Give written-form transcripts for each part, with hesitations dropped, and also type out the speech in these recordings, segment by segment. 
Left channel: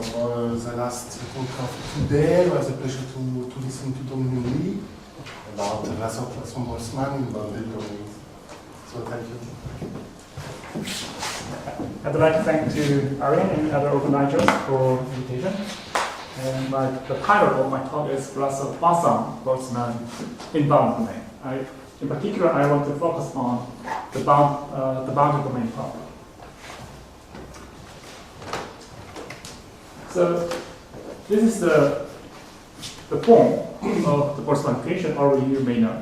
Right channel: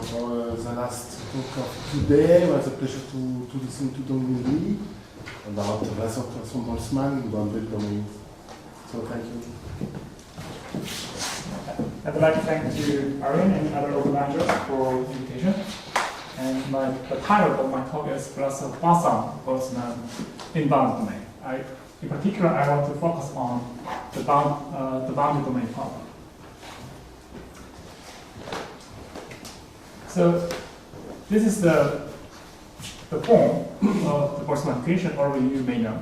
for the last talk of today. It was a pleasure to listen to Donghyun Lee about Vlasov Poisson Boltzmann in bounded domains. So thank you. I'd like to thank to Ariane and other organizers for the invitation. And the title of my talk is Vlasov Poisson Boltzmann in bounded domain. In particular, I want to focus on the bounded domain problem. So this is the form of the Boltzmann equation, or you may know.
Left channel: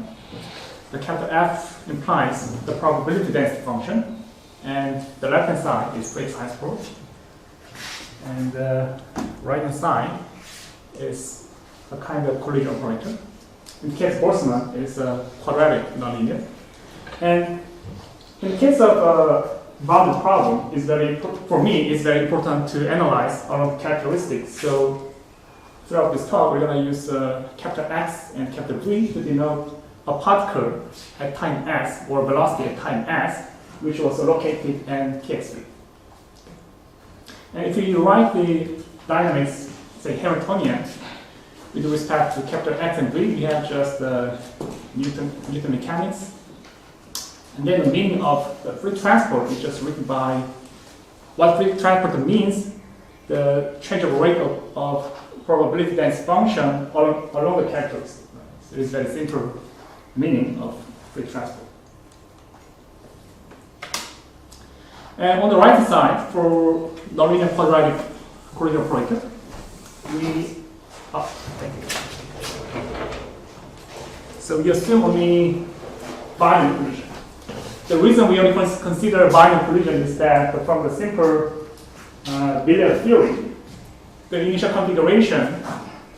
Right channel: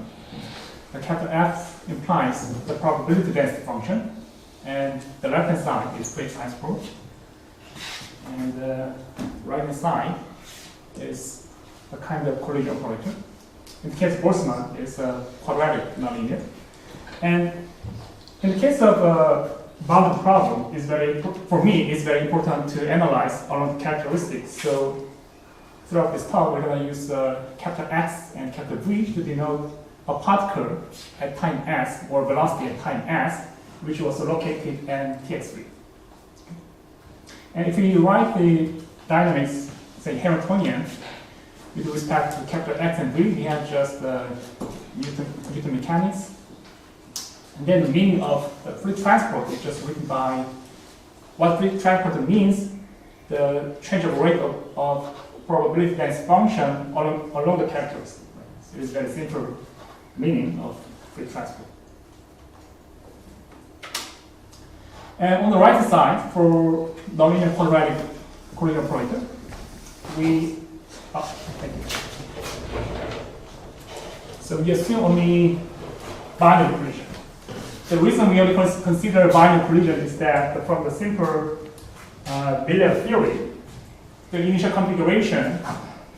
The capital F implies the probability density function, and the left-hand side is phase iceberg, and the right-hand side is a kind of collision operator. In the case of Boltzmann, it's a quadratic nonlinear. And in the case of a bounded problem, for me, it's very important to analyze our characteristics. So throughout this talk, we're going to use capital X and capital V to denote a particle at time s, or velocity at time s, which was located in KSV. And if you write the dynamics, say Hamiltonian, with respect to capital X and V, we have just Newton mechanics. And then the meaning of the free transport is just written by what free transport means, the change of rate of probability density function along the characteristics. So it's a very simple meaning of free transport. And on the right side, for nonlinear quadratic collision operator, so we assume only binary collision. The reason we only consider binary collision is that from the simple Regularity theory, the initial configuration,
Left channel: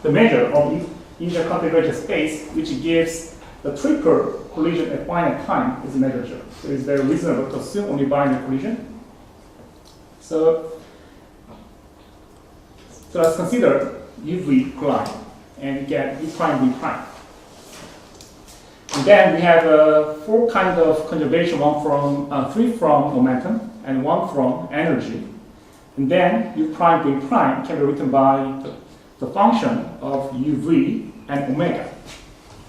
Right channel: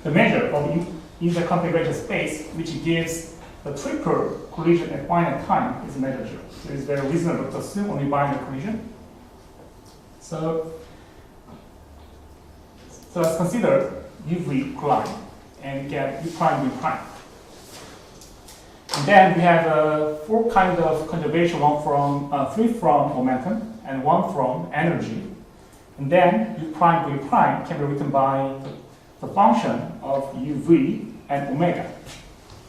the measure of initial configuration space, which gives the triple collision at finite time, is measured. So it's very reasonable to assume only binary collision. So let's consider if we collide and get E prime, V prime. And then we have four kinds of conservation, three from momentum and one from energy. And then U prime, V prime can be written by the function of UV and omega.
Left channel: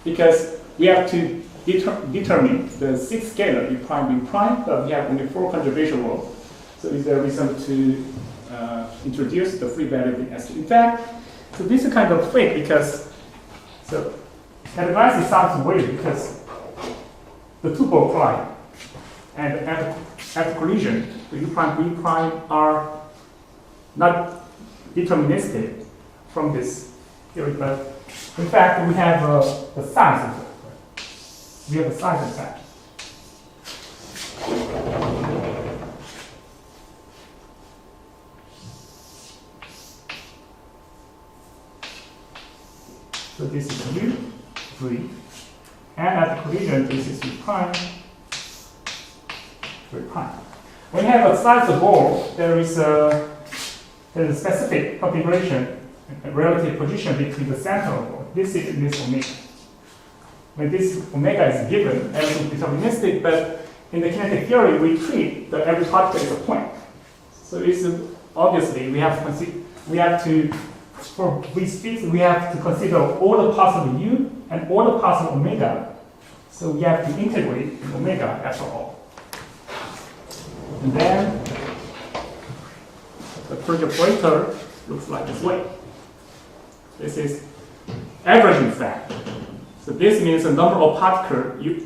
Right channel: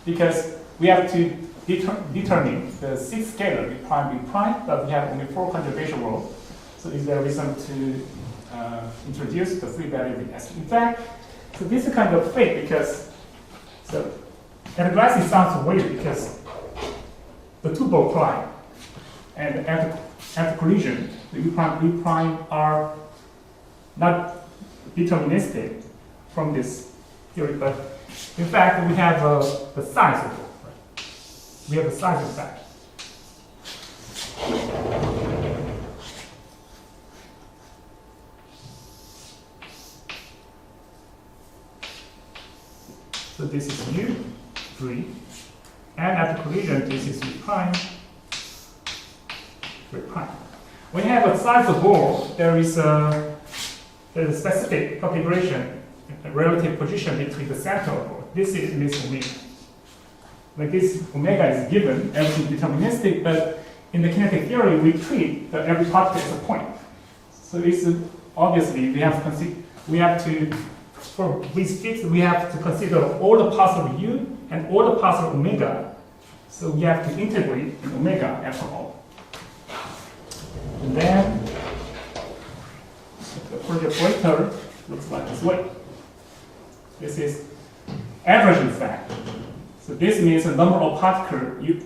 Because we have to determine the sixth scalar U prime, V prime, but we have only four conservation rules. So is there a reason to introduce the free variable as in fact? So this is kind of fake because, so at a glance it sounds weird because the tuple collide and at the collision, the U prime, V prime are not deterministic from this theory, but in fact we have a size of it. We have a size effect. So this is U, V, and at the collision, this is U prime, V prime. When you have a size of ball, there is a specific configuration and relative position between the center of the ball. This is omega. When this omega is given, everything is deterministic, but in the kinetic theory, we treat every particle as a point. So it's obviously we have to for these fits, we have to consider all the possible u and all the possible omega. So we have to integrate omega after all. And then the collision operator looks like this way. This is averaging factor. So this means the number of particles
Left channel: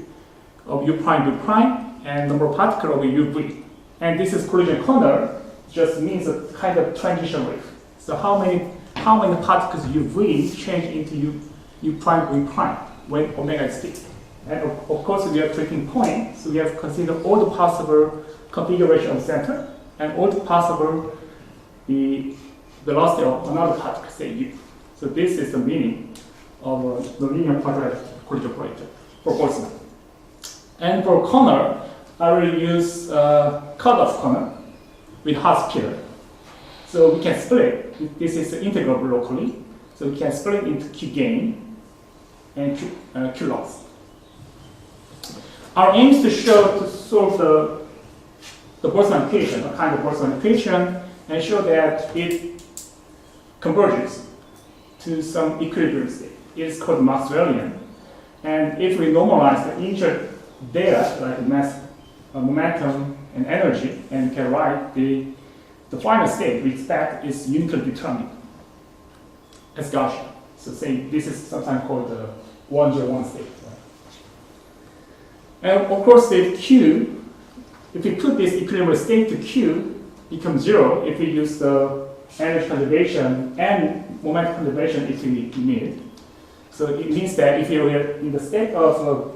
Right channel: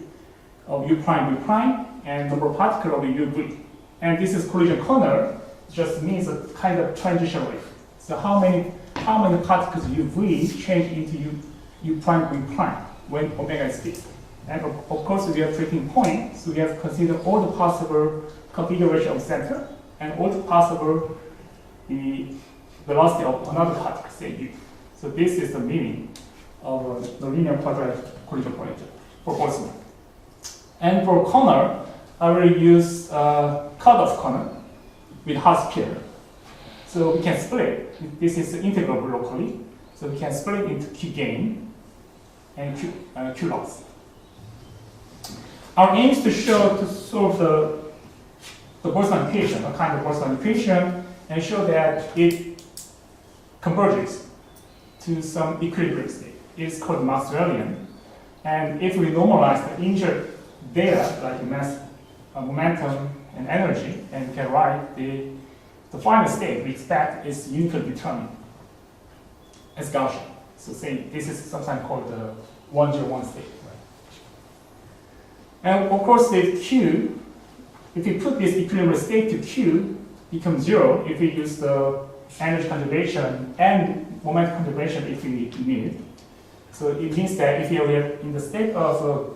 of U prime, V prime, and number of particles of UV. And this is collision corner, just means a kind of transition rate. So how many particles UV change into U prime, V prime when omega is big. And of course, we have treating point, so we have to consider all the possible configuration of the center and all the possible the velocity of another particle, say U. So this is the meaning of the linear quadratic collision operator for Boltzmann. And for corner, I will use cutoff corner with Hausdorff. So we can split. This is integrable locally. So we can split into Q gain and Q loss. Our aim is to solve the Boltzmann equation, a kind of Boltzmann equation, and show that converges to some equilibrium state. It's called Maxwellian. And if we normalize the injured data, like mass, momentum, and energy, and can write the final state we expect is uniquely determined as Gaussian. So say this is sometimes called the 1J1 state. Right? And of course, the Q, if we put this equilibrium state to Q, becomes 0 if we use the energy conservation and momentum conservation if we need. So it means that if you are in the state of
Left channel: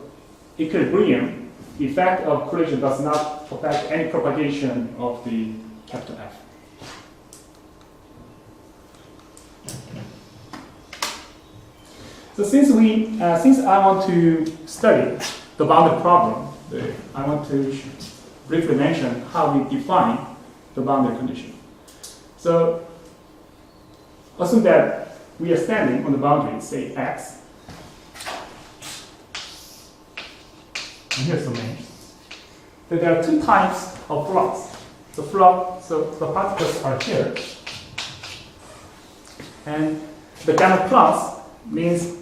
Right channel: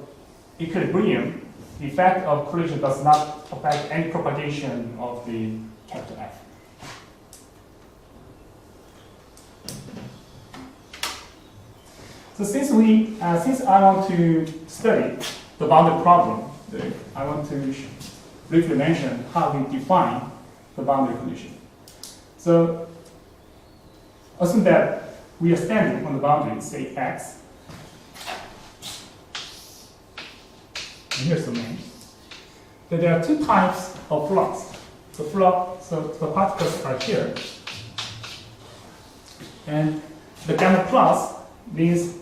equilibrium, the effect of collision does not affect any propagation of the capital F. So since I want to study the boundary problem, I want to briefly mention how we define the boundary condition. So assume that we are standing on the boundary, say X. And here's the main. That there are two types of flux. So the particles are here. And the gamma plus means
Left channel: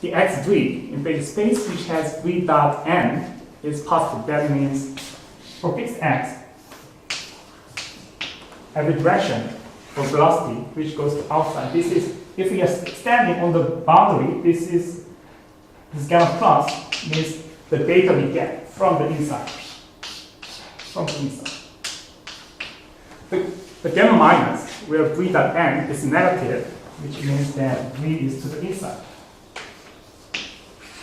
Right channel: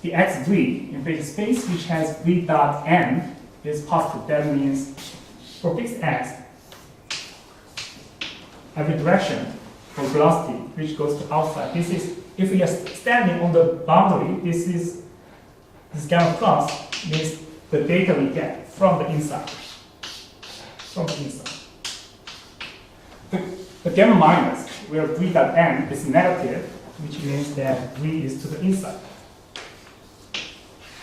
the x v in phase space which has v dot n is positive. That means for fixed x, every direction for velocity which goes to outside. This is, if we are standing on the boundary, this gamma plus means the data we get from the inside. The gamma minus, where v dot n is negative, which means that v is to the inside.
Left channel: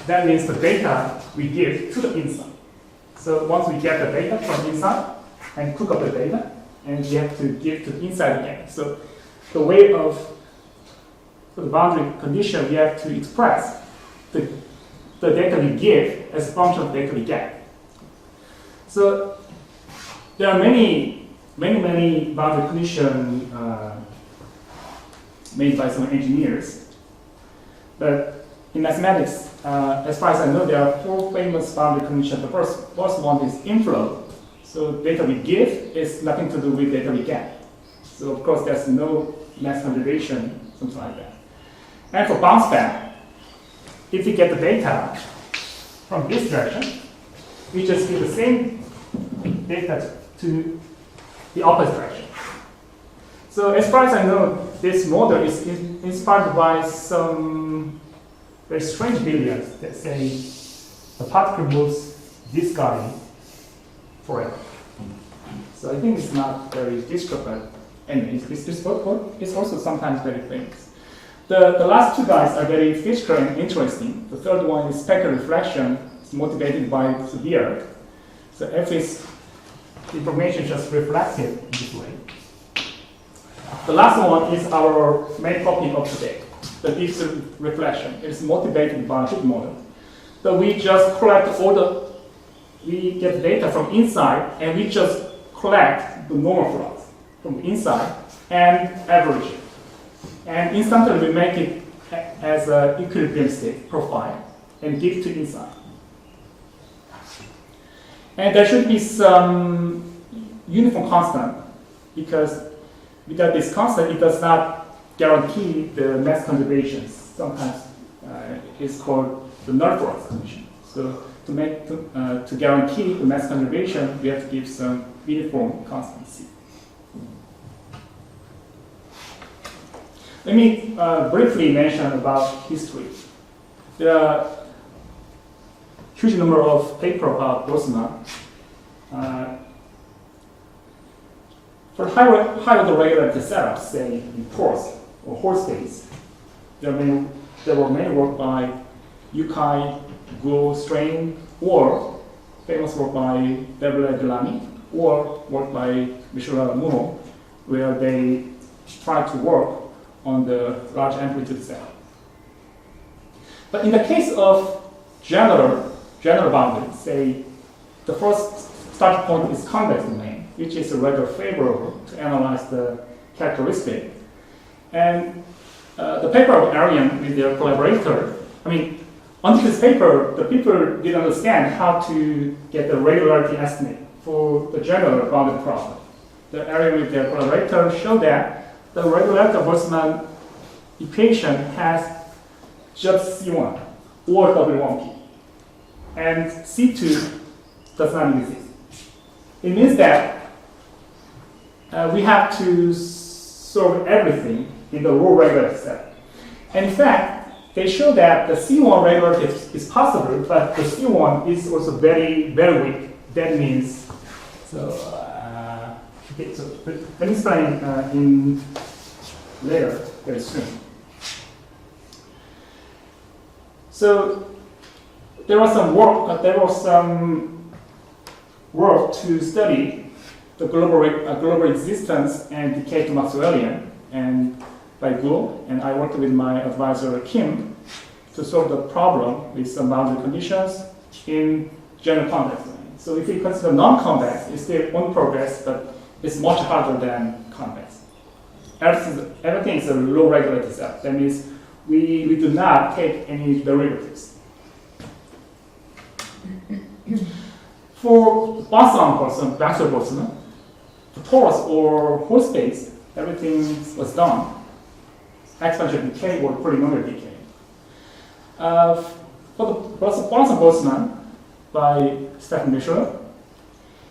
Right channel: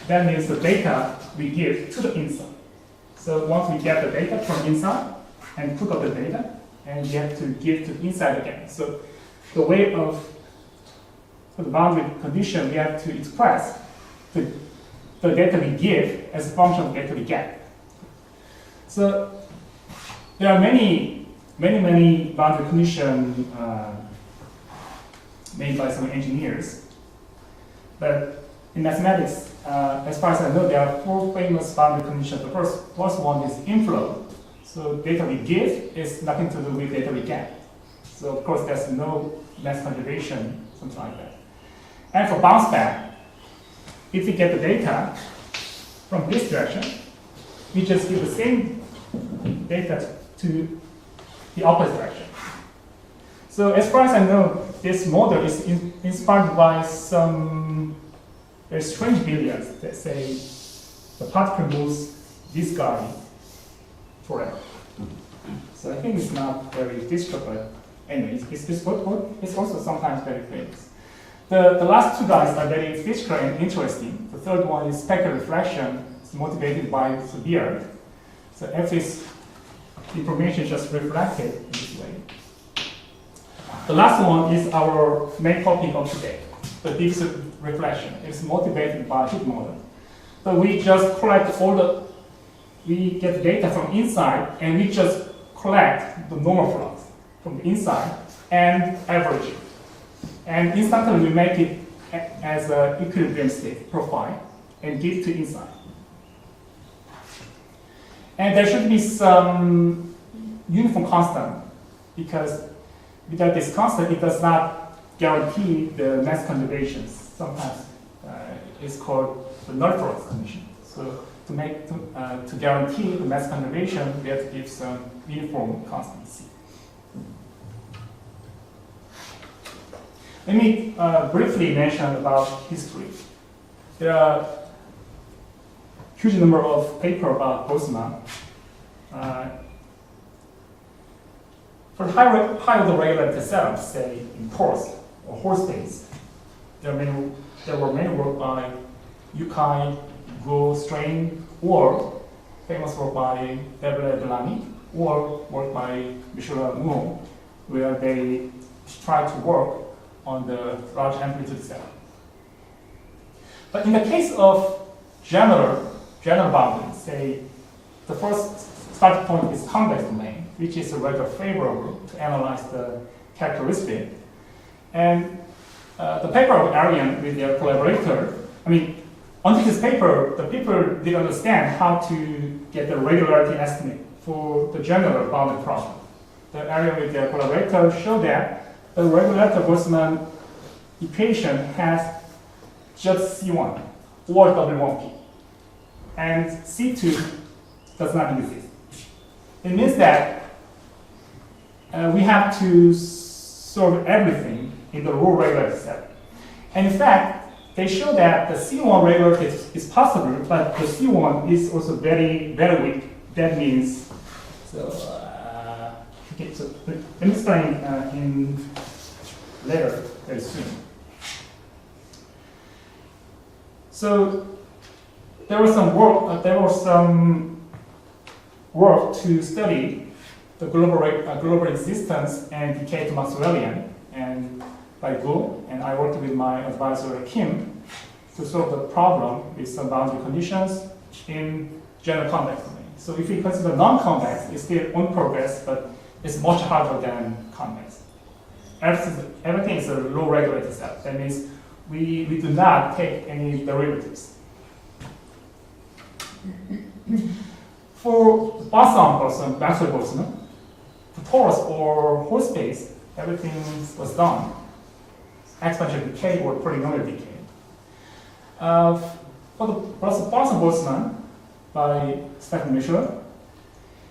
That means the data we give to the inside. So once we get the data from inside and cook up the data, and we have to give to the inside again. So the way of for the boundary condition, we have to express the data we give as a function of the data we get. So there are many boundary conditions made by some engineers, but in mathematics, as far as I know, there are four famous boundary conditions. The first one is inflow. So data we give is nothing to do with data we get. So of course, there's no mass conservation, something like that. And for bounce back, if we get the data from this direction, we just give the same data to the opposite direction. So as far as I know, this model is inspired by some very strange billiards that say the particle moves this guy forever. So I think it's not very difficult, but anyway, it's also sometimes very famous. The last two guys are very physical and interesting. The third one is specular reflection. It's motivated by the beard. So if it's information just reflected in this way. The last one is our main topic of today, the diffuse reflection. It's motivated by heat model. So we just collect we get data from inside, and we just collect the normal flux from the inside and average it. And instantly we make it as an equilibrium state profile and give to inside. And there should be some uniform constant, because without this constant, it does not guarantee the mass conservation. Sometimes it's called the null flux condition. So to guarantee the mass conservation, we have to give some uniform constant C. Let me briefly mention about history. There are a huge number of papers about Boltzmann. For high-order regularity setups, say in pores or Hall states, there were many work by Yukai, Guo, Strain, or famous work by Delany, or work by Michel Moulon, where they try to work on the large amplitude setup. But in the case of general boundary, say the first starting point is convex domain, which is rather favorable to analyze the characteristic. And the paper of Arian with their collaborator, under this paper, the people didn't understand how to get the regularity estimate for the general boundary problem. The Arian with their collaborator showed that the regularity of Boltzmann equation has just C1 or W1P, and C2 does not exist. It means that we have to solve everything in the row regularity set. And in fact, they show that the C1 regularity is possible, but the C1 is also very, very weak. That means, okay, so let me explain in later, very soon. So there was some work to study the global existence and decay to Maxwellian, and by Gu, and I worked with my advisor Kim to solve the problem with some boundary conditions in general convex domain. So if we consider non-convex, it's still on progress, but it's much harder than convex. Everything is a low regularity set. That means we do not take any derivatives. For Poisson, Vlasov Boltzmann, for torus or whole space, everything was done. Exponential decay or polynomial decay. For the Poisson Boltzmann by Stefan Michelin,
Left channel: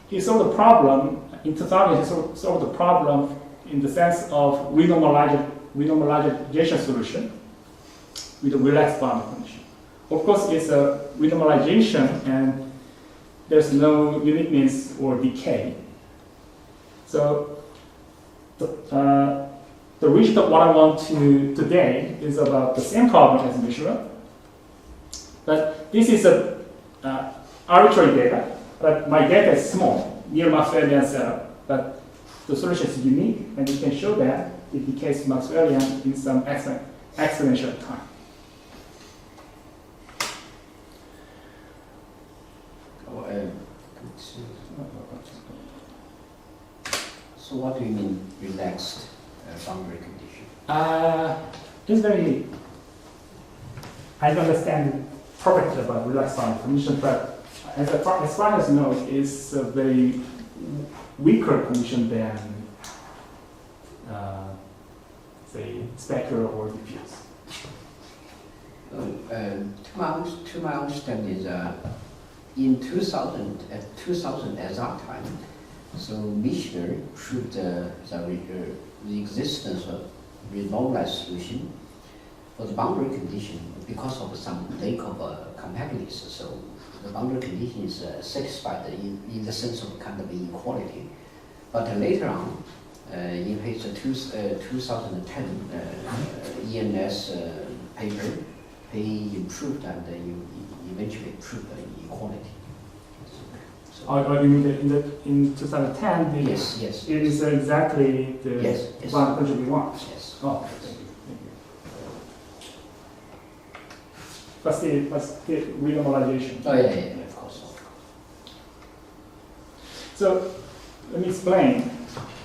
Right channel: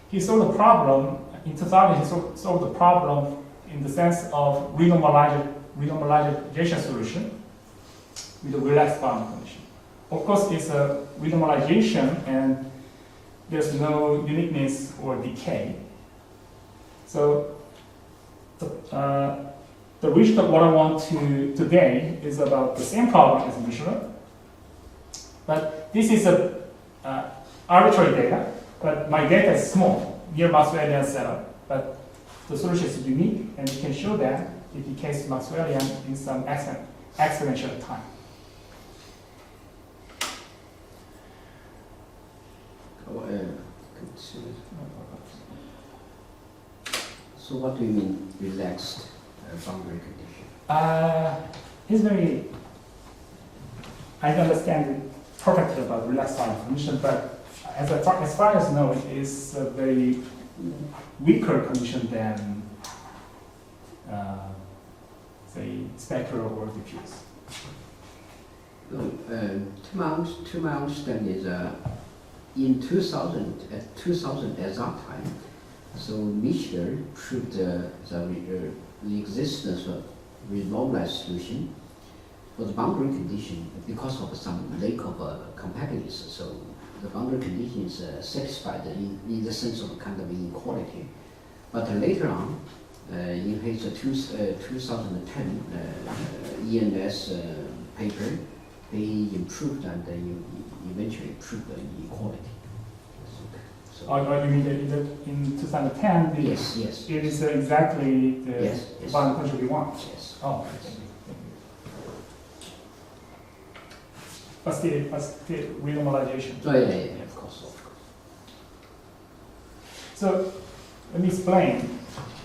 he solved the problem in 2000. He solved the problem in the sense of renormalization solution with a relaxed boundary condition. Of course, it's a renormalization and there's no uniqueness or decay. So the reach of what I want to today is about the same problem as Michelin, but this is a arbitrary data, but my data is small, near Maxwellian setup, but the solution is unique, and you can show that it decays to Maxwellian in some exponential time. So what do you mean relaxed boundary condition? It's very, I don't understand perfectly about relaxed boundary condition, but as far as I know, it's a very weaker condition than, say, specular or diffuse. To my understanding is in 2000 at that time, so Michelin proved the existence of renormalized solution for the boundary condition because of some lack of compactness. So the boundary condition is satisfied in the sense of kind of inequality. But later on, in his 2010 ENS paper, he improved and eventually proved the equality. So, you mean in 2010? Yes. It is exactly the yes. boundary condition we want. Yes. Oh, okay. Thank you. But still renormalization. Oh yeah, of course. So let me explain.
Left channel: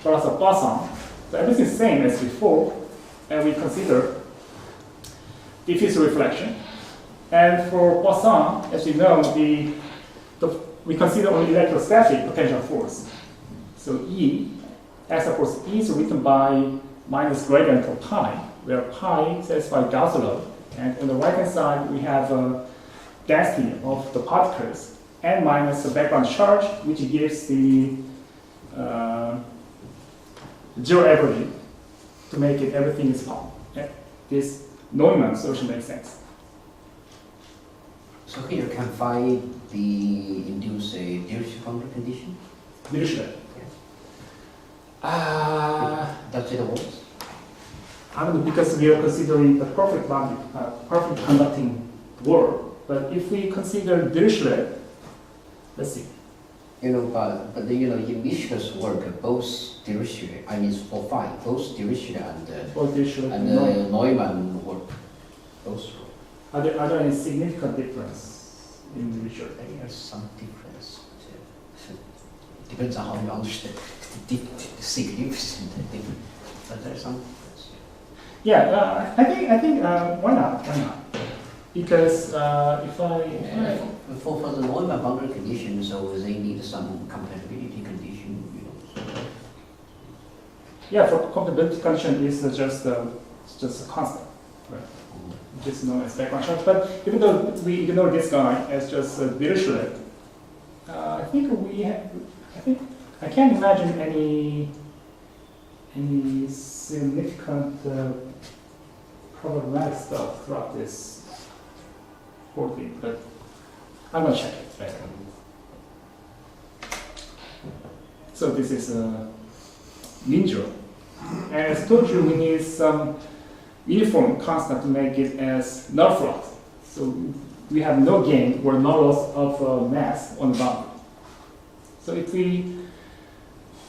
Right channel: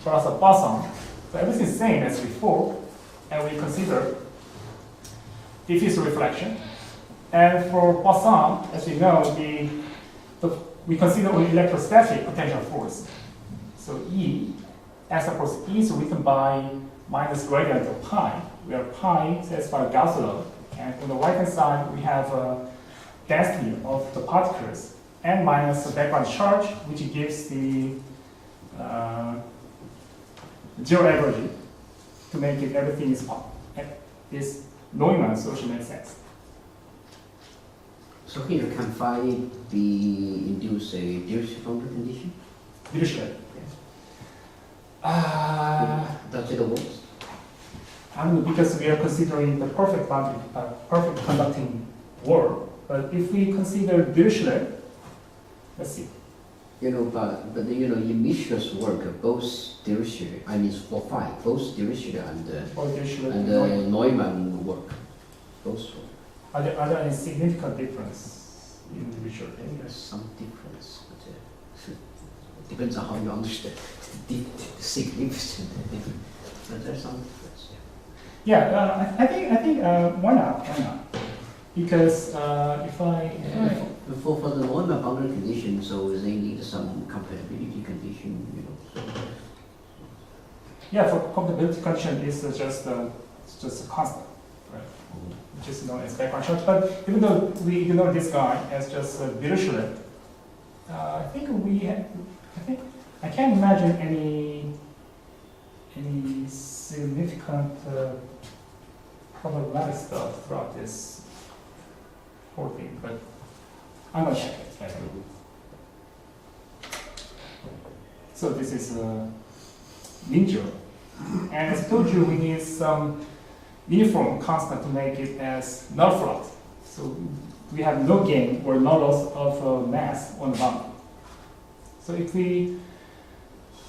For us, Poisson, so everything is the same as before, and we consider diffuse reflection. And for Poisson, as you know, we consider only electrostatic potential force. So E, as of course, E is written by minus gradient of pi, where pi satisfies Gauss law. And on the right-hand side, we have a density of the particles n minus the background charge, which gives the zero averaging to make it everything is pop. This Neumann solution makes sense. So here you can find the induce a dilute boundary condition. Dilute. Does it work? I don't know, because we are considering the perfect boundary, perfect conducting world. But if we consider Dirichlet, let's see. But in Michelin's work, both Dirichlet, I mean for phi, both Dirichlet and Neumann work, both work. Are there any significant difference in Dirichlet? There's some difference. Depends on how you understand the significant, but there's some difference. Yeah, I think why not? Because if I for the Neumann boundary condition, so they need some compatibility condition, Yeah, for compatibility condition is just a constant. which is known as background charge. But even though we ignore this guy as just a dilute, I think I can't imagine any significant problematic stuff throughout this whole thing, but I'm gonna check it later. So this is neutral. And as I told you, we need some uniform constant to make it as null flux. So we have no gain or no loss of mass on the boundary. So if we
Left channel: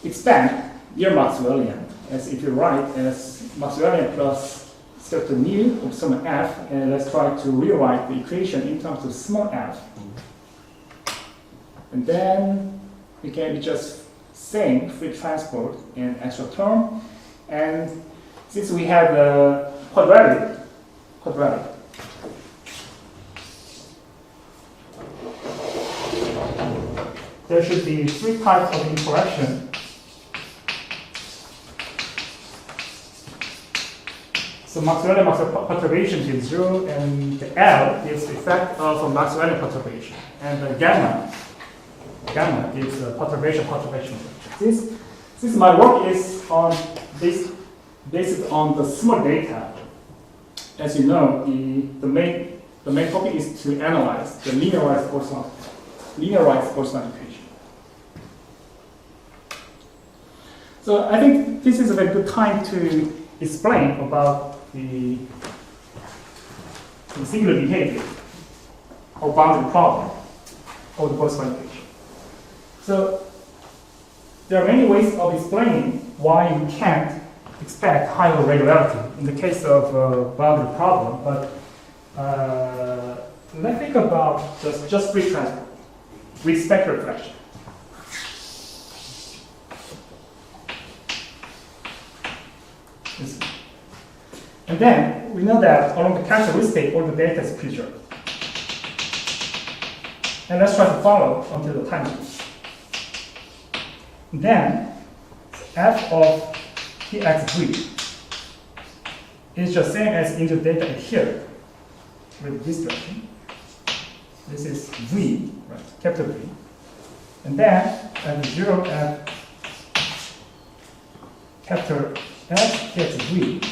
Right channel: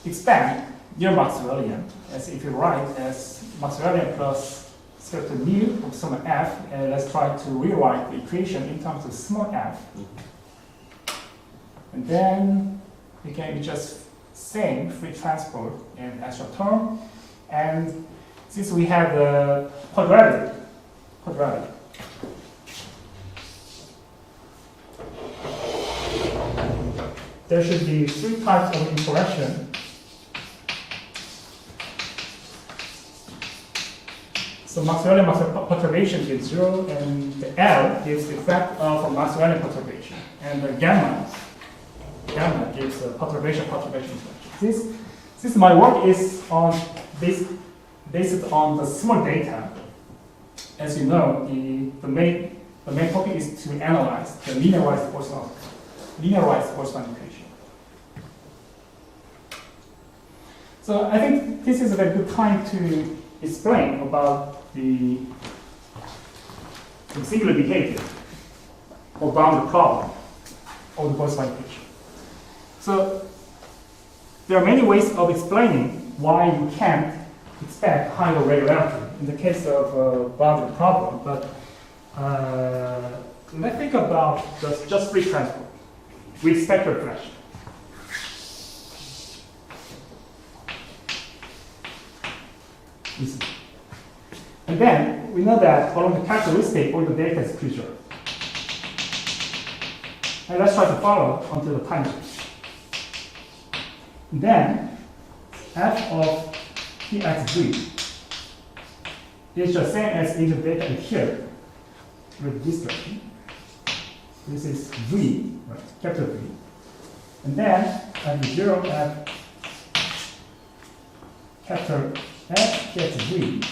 expand near Maxwellian, as if you write as Maxwellian plus certain mu of some f, and let's try to rewrite the equation in terms of small f. And then we can just same free transport in extra term. And since we have the quadratic, there should be 3 types of interaction. So Maxwellian perturbation gives 0, and the L gives the effect of Maxwellian perturbation, and the gamma gives the perturbation. Since my work is on this, based on the small data, as you know, the main topic is to analyze the linearized Poisson equation. So I think this is a very good time to explain about the singular behavior or boundary problem of the Poisson equation. So there are many ways of explaining why we can't expect higher regularity in the case of a boundary problem, but let's think about just free transport with spectral reflection. And then we know that along the characteristic, all the data is preserved. And let's try to follow until the time comes. Then f of tx3 is the same as into data here with this direction. This is v, right, capital V. And then and 0 f capital F tx3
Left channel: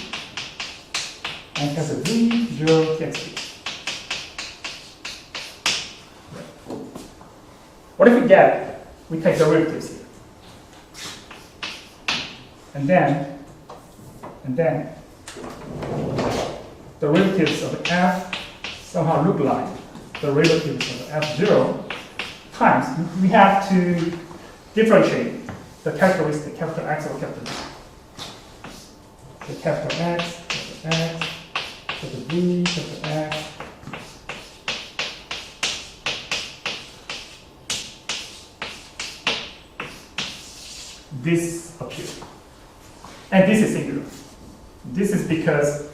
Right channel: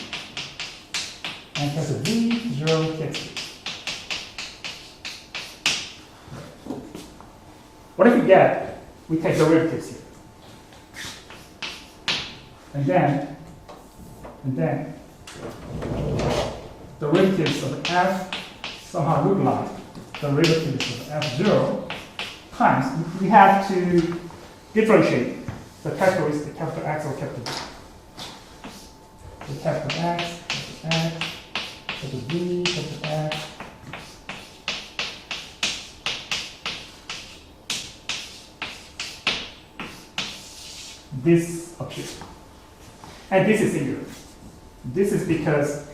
and capital V 0 tx3. What if we get, we take derivatives here. And then derivatives of f somehow look like derivatives of f0 times. We have to differentiate the characteristic, capital X or capital V. The capital X, capital V, capital X. This appears. And this is singular. This is because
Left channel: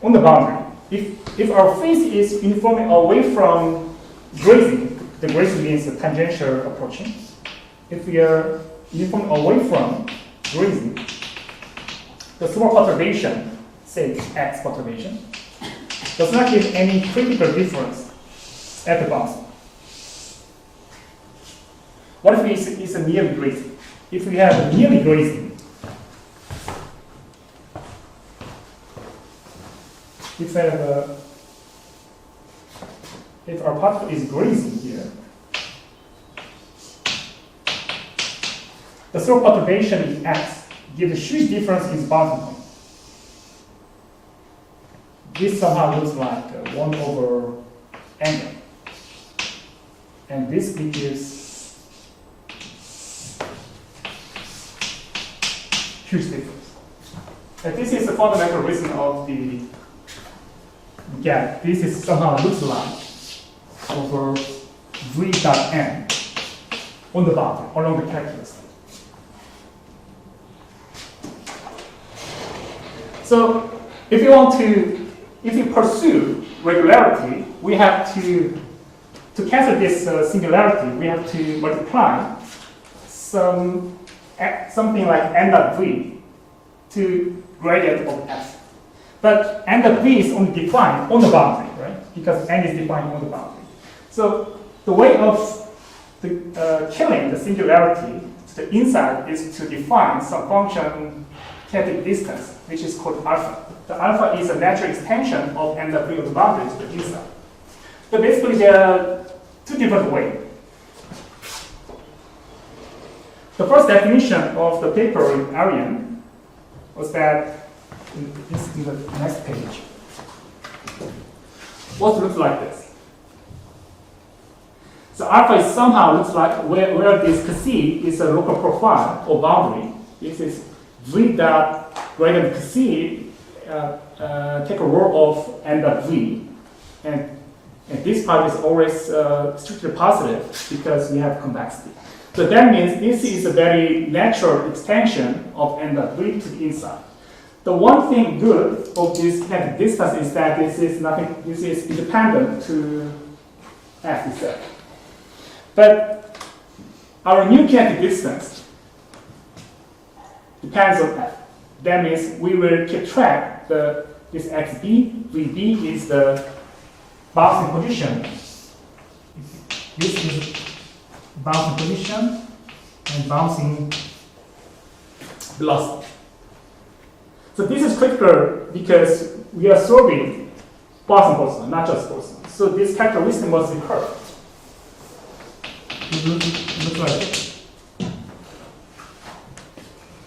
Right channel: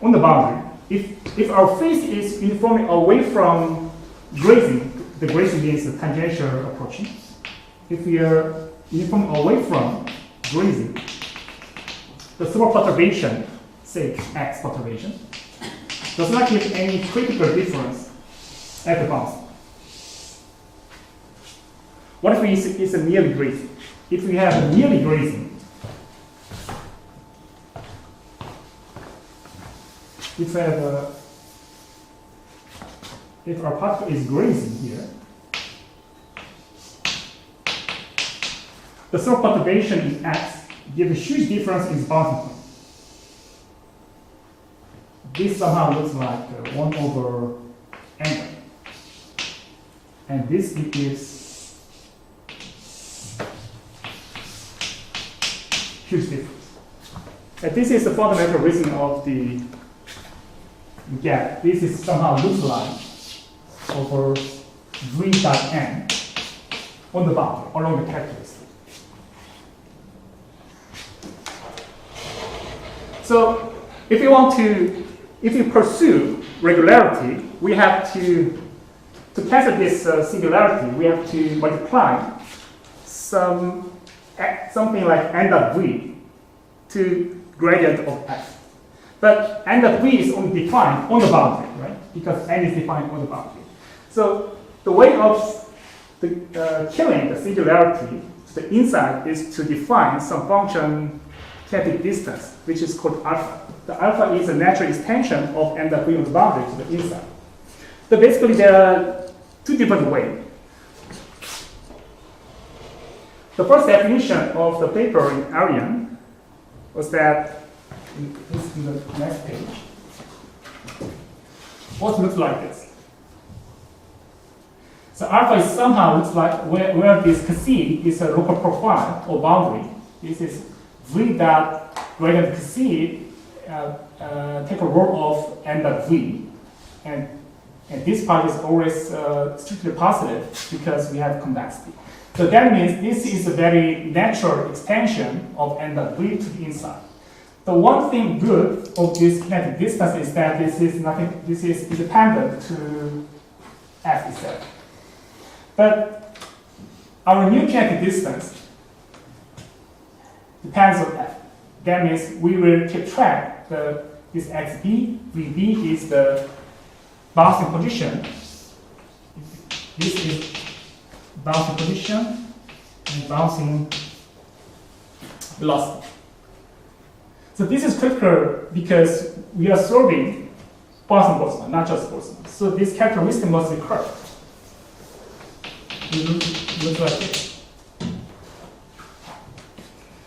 on the boundary, if our phase is uniformly away from grazing, the grazing means the tangential approaching. If we are uniformly away from grazing, the small perturbation, say x perturbation, does not give any critical difference at the boundary. What if it's a nearly grazing? If we have a nearly grazing, if our particle is grazing here, the slope perturbation in x gives a huge difference in boundary point. This somehow looks like 1 over angle, and this gives huge difference. And this is the fundamental reason of the gap. This is somehow looks like over v dot n on the boundary along the characteristic. So if you pursue regularity, we have to cancel this singularity, we have to multiply something like n of v to gradient of x. But n of v is only defined on the boundary, right? Because n is defined on the boundary. So the way of killing the singularity to the inside is to define some function kinetic distance, which is called alpha. The alpha is a natural extension of n of v on the boundary to the inside. So basically, there are two different ways. The first definition of the paper in Arian was that, this is the next page, what looks like this. So alpha is somehow looks like where this C is a local profile or boundary. This is v dot greater than C take a role of n dot v, and this part is always strictly positive because we have convexity. So that means this is a very natural extension of n dot v to the inside. The one thing good of this kinetic distance is that this is independent to f itself. But our new kinetic distance depends on f. That means we will keep track this xb, vb is the bouncing position. This is bouncing position and bouncing velocity. So this is critical because we are solving Poisson Boltzmann, not just Boltzmann. So this characteristic must be correct. It looks like this.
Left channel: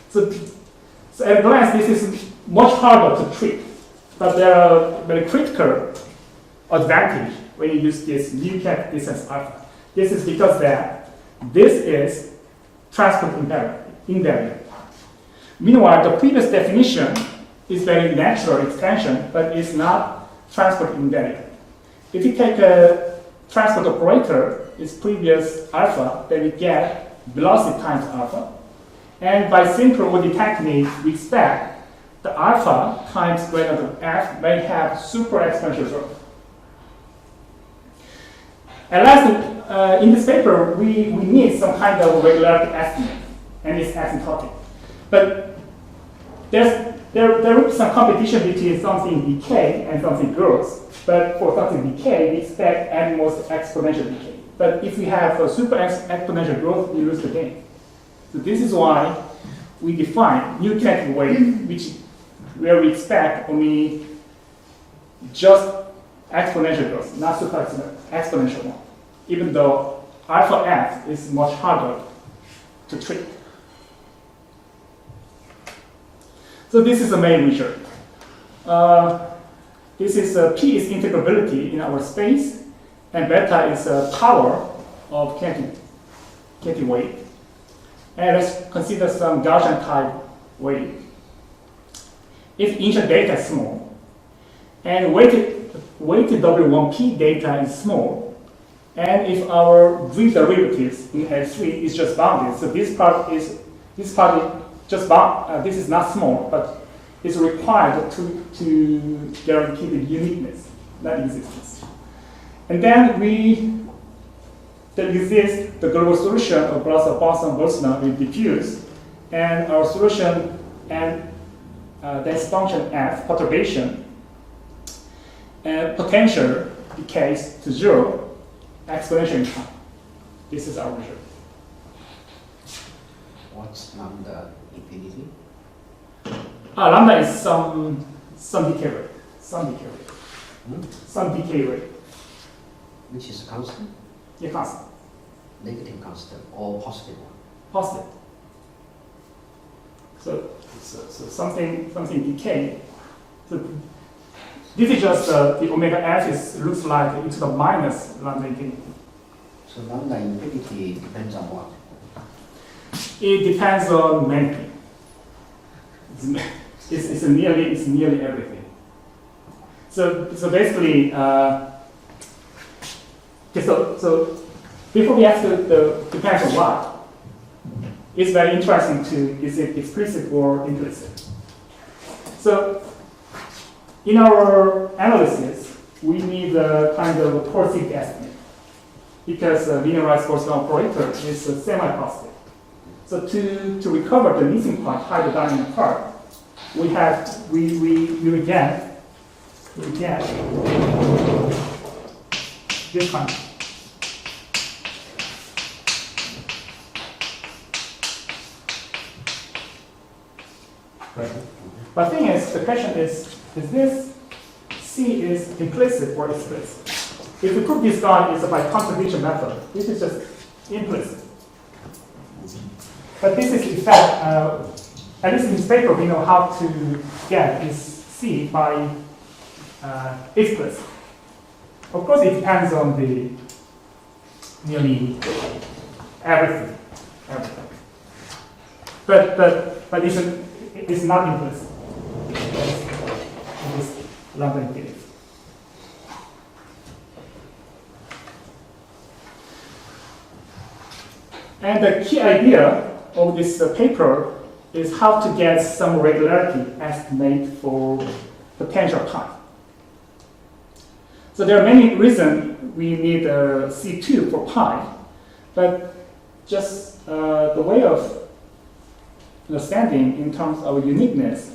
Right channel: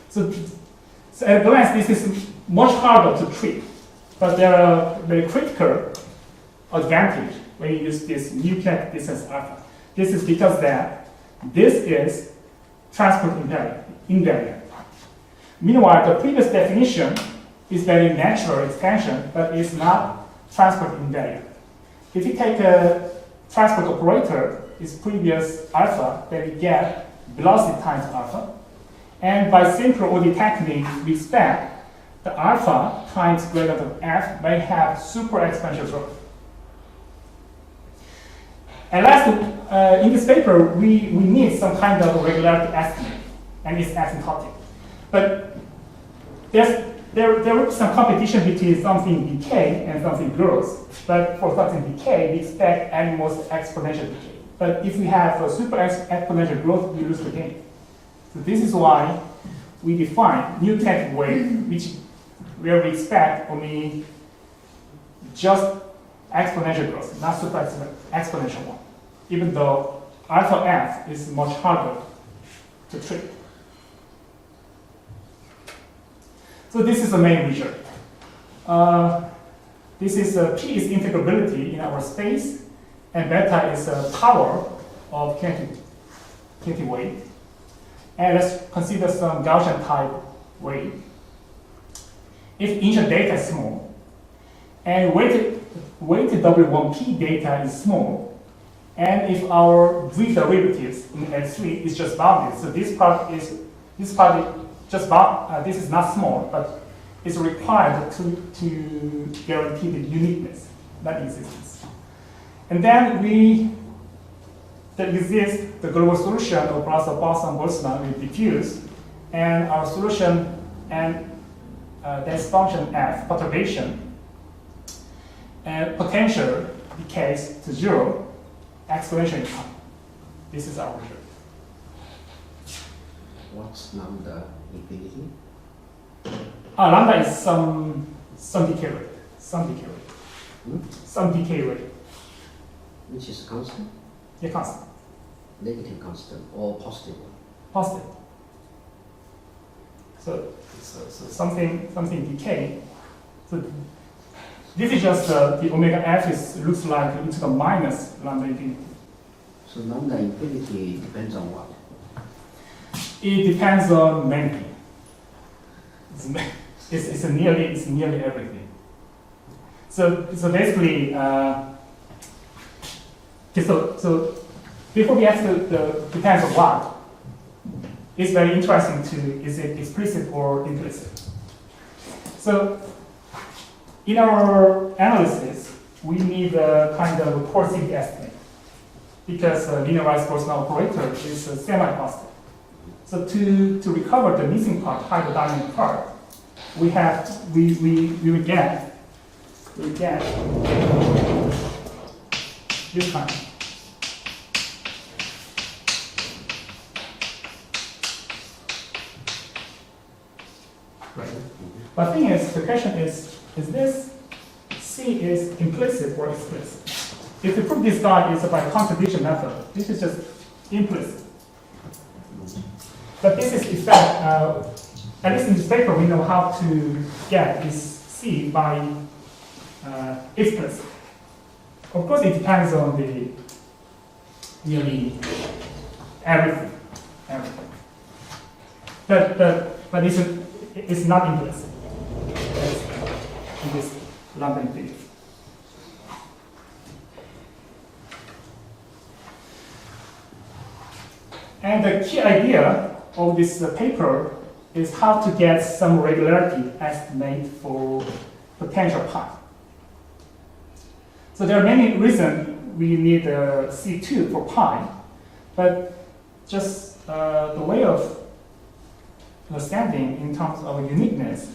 So at a glance, this is much harder to treat, but there are very critical advantage when you use this new kinetic distance alpha. This is because that this is transport invariant. Meanwhile, the previous definition is very natural extension, but it's not transport invariant. If you take a transport operator, its previous alpha, then we get velocity times alpha. And by simple OD technique, we expect the alpha times greater than f may have super exponential growth. And last, in this paper, we need some kind of regularity estimate, and it's asymptotic. But there is some competition between something decay and something grows. But for something decay, we expect at most exponential decay. But if we have a super exponential growth, we lose the game. So this is why we define new kinetic wave, where we expect only just exponential growth, not super exponential one, even though alpha f is much harder to treat. So this is the main result. This is P is integrability in our space, and beta is power of kinetic wave. And let's consider some Gaussian type wave. If initial data is small, and weighted W1P data is small, and if our v derivatives in L3 is just bounded, so this part is just bound. This is not small, but it's required to guarantee the uniqueness, not existence. And then there exists the global solution of Vlasov Poisson Boltzmann with diffuse, and our solution and this function f perturbation and potential decays to zero exponential in time. This is our result. What's lambda infinity? Lambda is some decay rate. Some decay rate. Which is constant? Yeah, constant. Negative constant or positive one? Positive. So something decay. So this is just the omega f looks like e to the minus lambda infinity. So lambda infinity depends on what? It depends on many things. It's nearly everything. So basically, so before we ask the depends on what, it's very interesting to is it explicit or implicit. So in our analysis, we need a kind of a coercive estimate because linearized Boltzmann operator is semi-positive. So to recover the missing part, hydrodynamic part, we will get this kind. Right. But the thing is, the question is this C is implicit or explicit? If we prove this guy is by contribution method, this is just implicit. But this is in fact, at least in this paper, we know how to get this C by explicit. Of course, it depends on the nearly everything. But it's not implicit. It is Lambda infinity. And the key idea of this paper is how to get some regularity estimate for potential pi. So there are many reasons we need C2 for pi, but just the way of understanding in terms of uniqueness.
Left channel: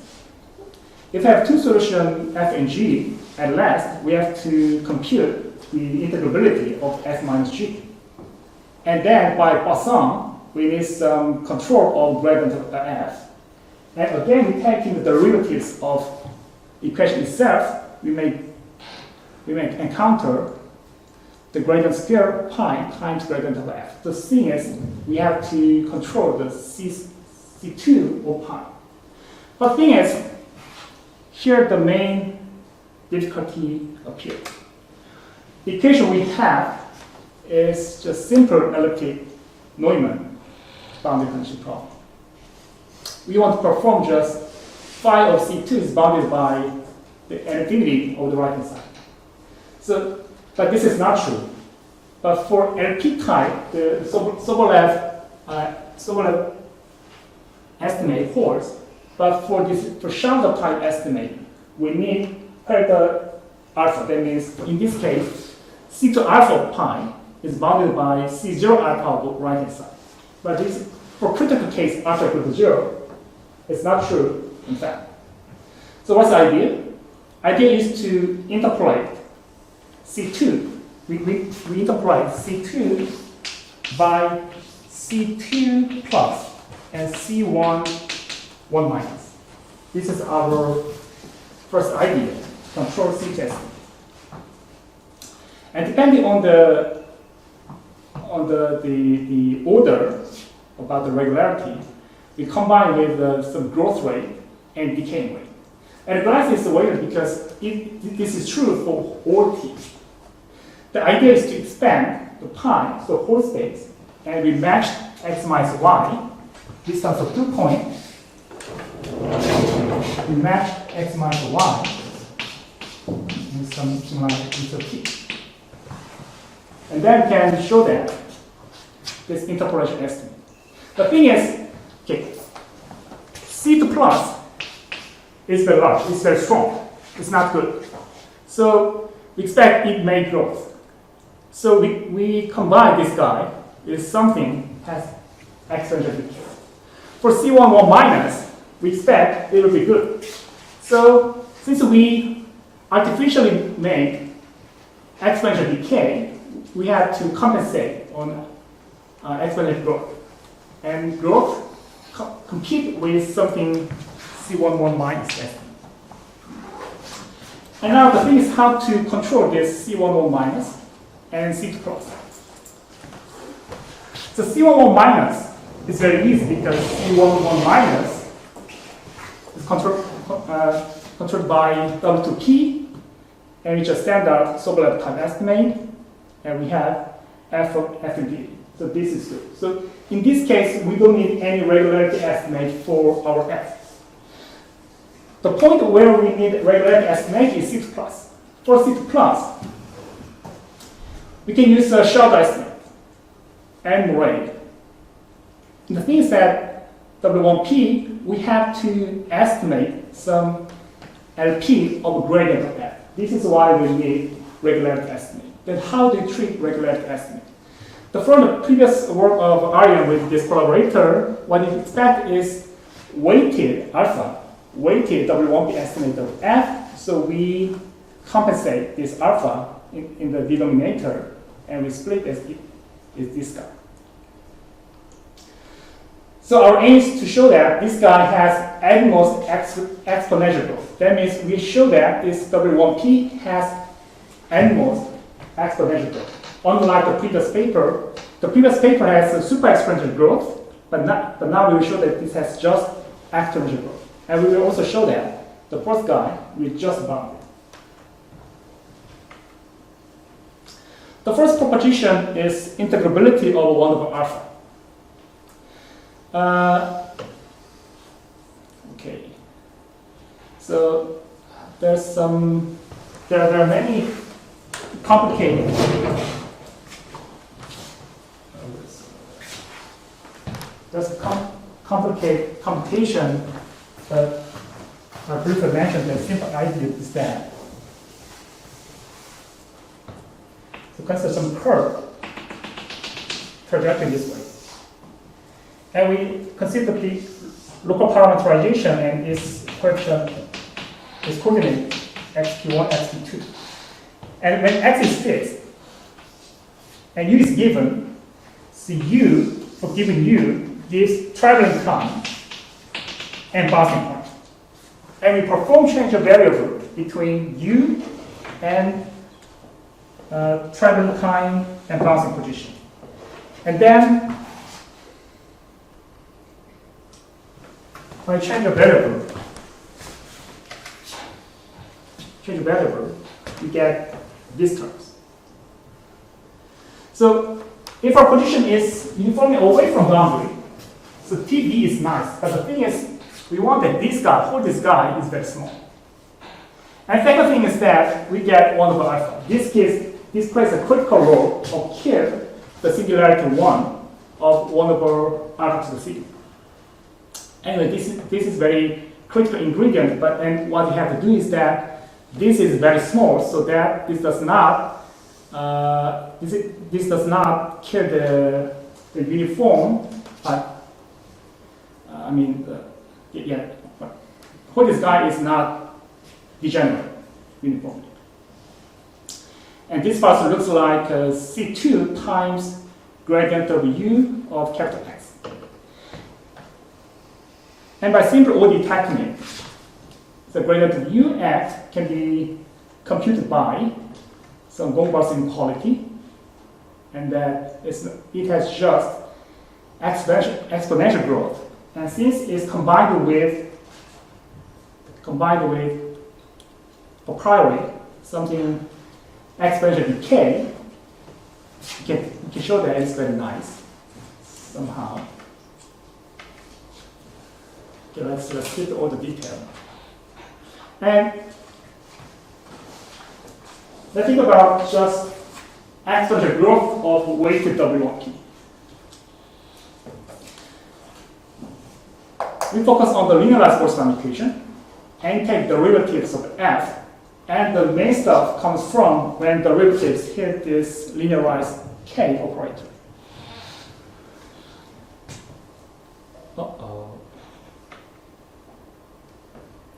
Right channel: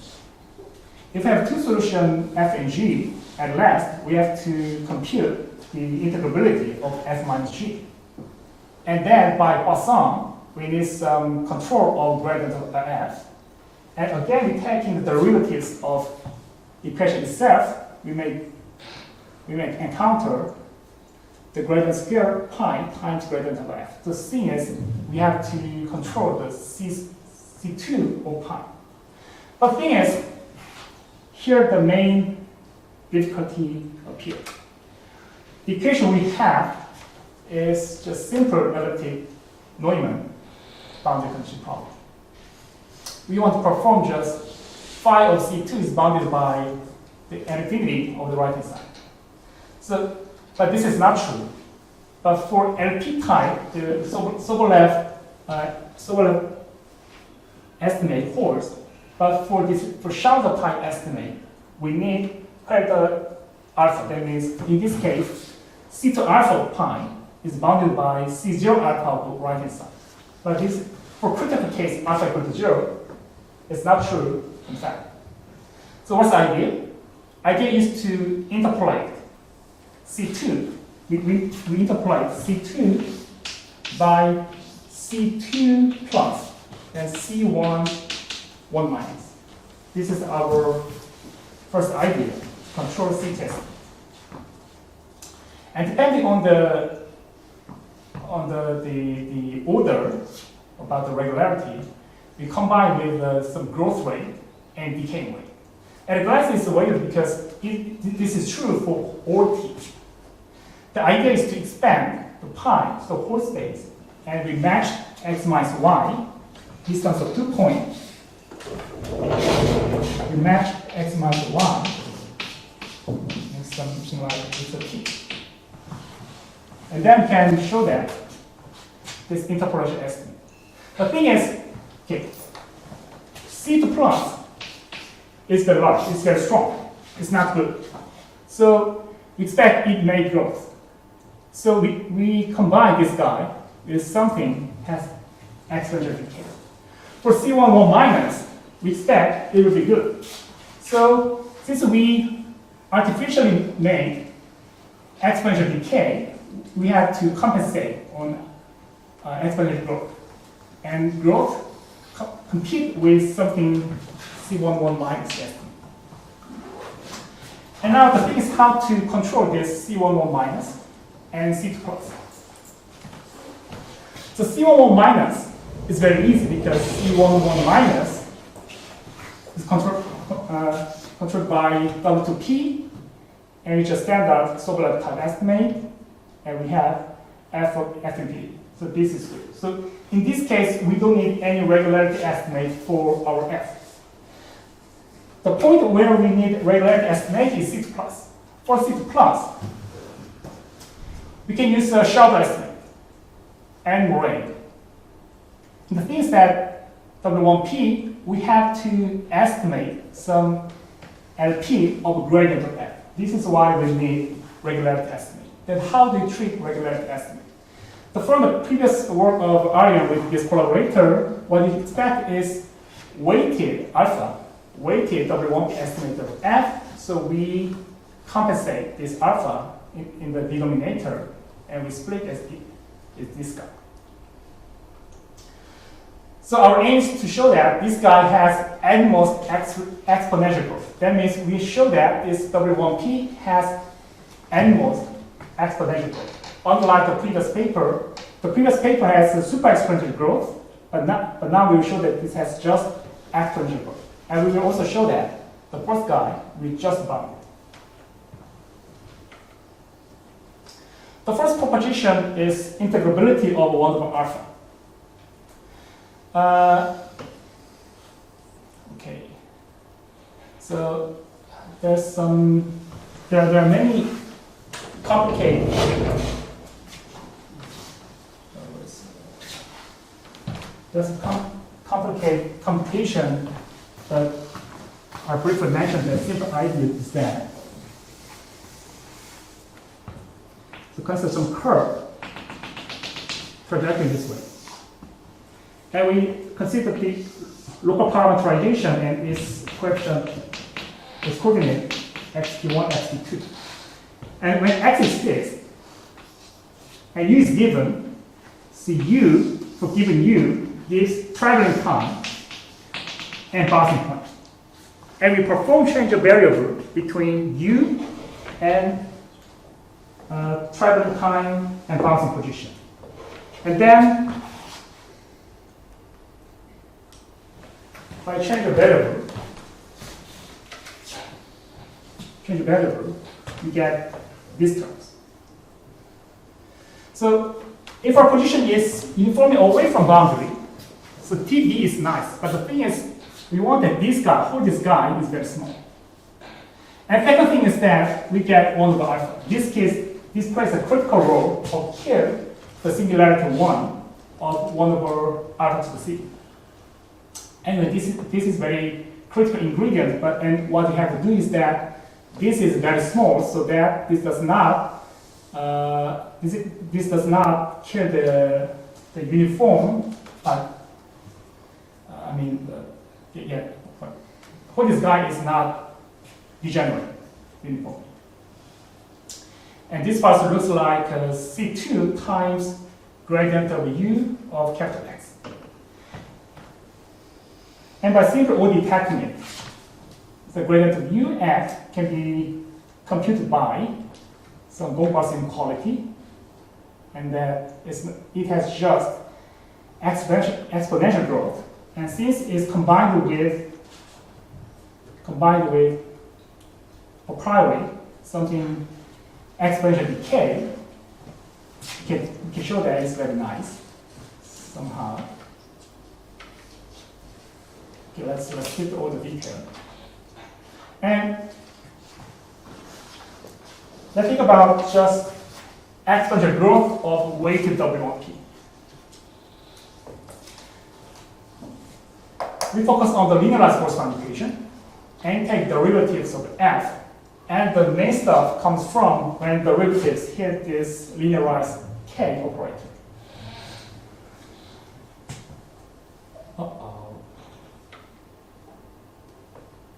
If we have two solutions f and g, at last we have to compute the integrability of f minus g. And then by Poisson, we need some control of gradient of f. And again, we take in the derivatives of the equation itself, we may encounter the gradient scale pi times gradient of f. The thing is, we have to control the C2 of pi. But the thing is, here the main difficulty appears. The equation we have is just simple elliptic Neumann boundary condition problem. We want to perform just phi of C2 is bounded by the infinity of the right hand side. So, but this is not true. But for LP type, the Sobolev estimate holds. But for Schalke type estimate, we need parallel alpha. That means in this case, C2 alpha of pi is bounded by C0 alpha of the right hand side. But this, for critical case alpha equal to 0, it's not true, in fact. So what's the idea? Idea is to interpolate C2. We interpolate C2 by C2 plus and C1 1 minus. This is our first idea, control C test. And depending on the order about the regularity, we combine with some growth rate and decay rate. And glycine is weighted because this is true for all t. The idea is to expand the pi, so whole space, and we match x minus y, distance of 2 points. We match x minus y with something like this of t. And then we can show that this interpolation estimate. The thing is, okay, C2 plus is very large, it's very strong, it's not good. So we expect it may growth. So we combine this guy with something has exponential decay. For C1 1 minus, we expect it will be good. So since we artificially made exponential decay, we have to compensate on exponential growth. And growth compete with something C1 1 minus estimate. And now the thing is how to control this C1 1 minus and C2 plus. So C1 1 minus is very easy because C1 1 minus is controlled by W2P, and it's a standard Sobolev type estimate, and we have F of F and D. So this is good. So in this case, we don't need any regularity estimate for our F. The point where we need regularity estimate is C2 plus. For C2 plus, we can use a Schalke estimate and Moraid. The thing is that W1P, we have to estimate some LP of gradient of F. This is why we need regularity estimate. Then how do you treat regularity estimate? From the previous work of Aryan with this collaborator, what you expect is weighted alpha weighted W1P estimate of F, so we compensate this alpha in the denominator, and we split this this guy. So our aim is to show that this guy has at most exponential growth. That means we show that this W1P has at most exponential growth. Unlike the previous paper has a super exponential growth, but now we will show that this has just exponential growth. And we will also show that the first guy will just bound it. The first proposition is integrability of 1 over alpha. Okay, so there are many complicated complicated computation, but I briefly mentioned the simple idea is that to consider some curve projecting this way. And we consider the local parameterization and its coefficient, its coordinate xt1, xt2. And when x is fixed and u is given, so u, for given u, gives traveling time and bouncing point. And we perform change of variable between u and traveling time and bouncing position. And then when I change a variable, we get these terms. So if our position is uniformly away from boundary, so TB is nice, but the thing is, we want that this guy is very small. And second thing is that we get 1 over alpha. This plays a critical role of kill the singularity 1 of 1 over alpha to the c. Anyway, this is very critical ingredient, and what we have to do is that this is very small, so that this does not kill the uniform. This guy is not degenerate uniform. And this part looks like C2 times gradient of U of capital X. And by simple ODE technique, the gradient of Ux can be computed by some Gauss inequality, and that it has just exponential growth. And since it's combined with a priori something exponential decay, you can show that it's very nice somehow. Okay, let's skip all the detail. And let's think about just exponential growth of weighted W1P. We focus on the linearized Boltzmann equation and take derivatives of f, and the main stuff comes from when derivatives hit this linearized k operator.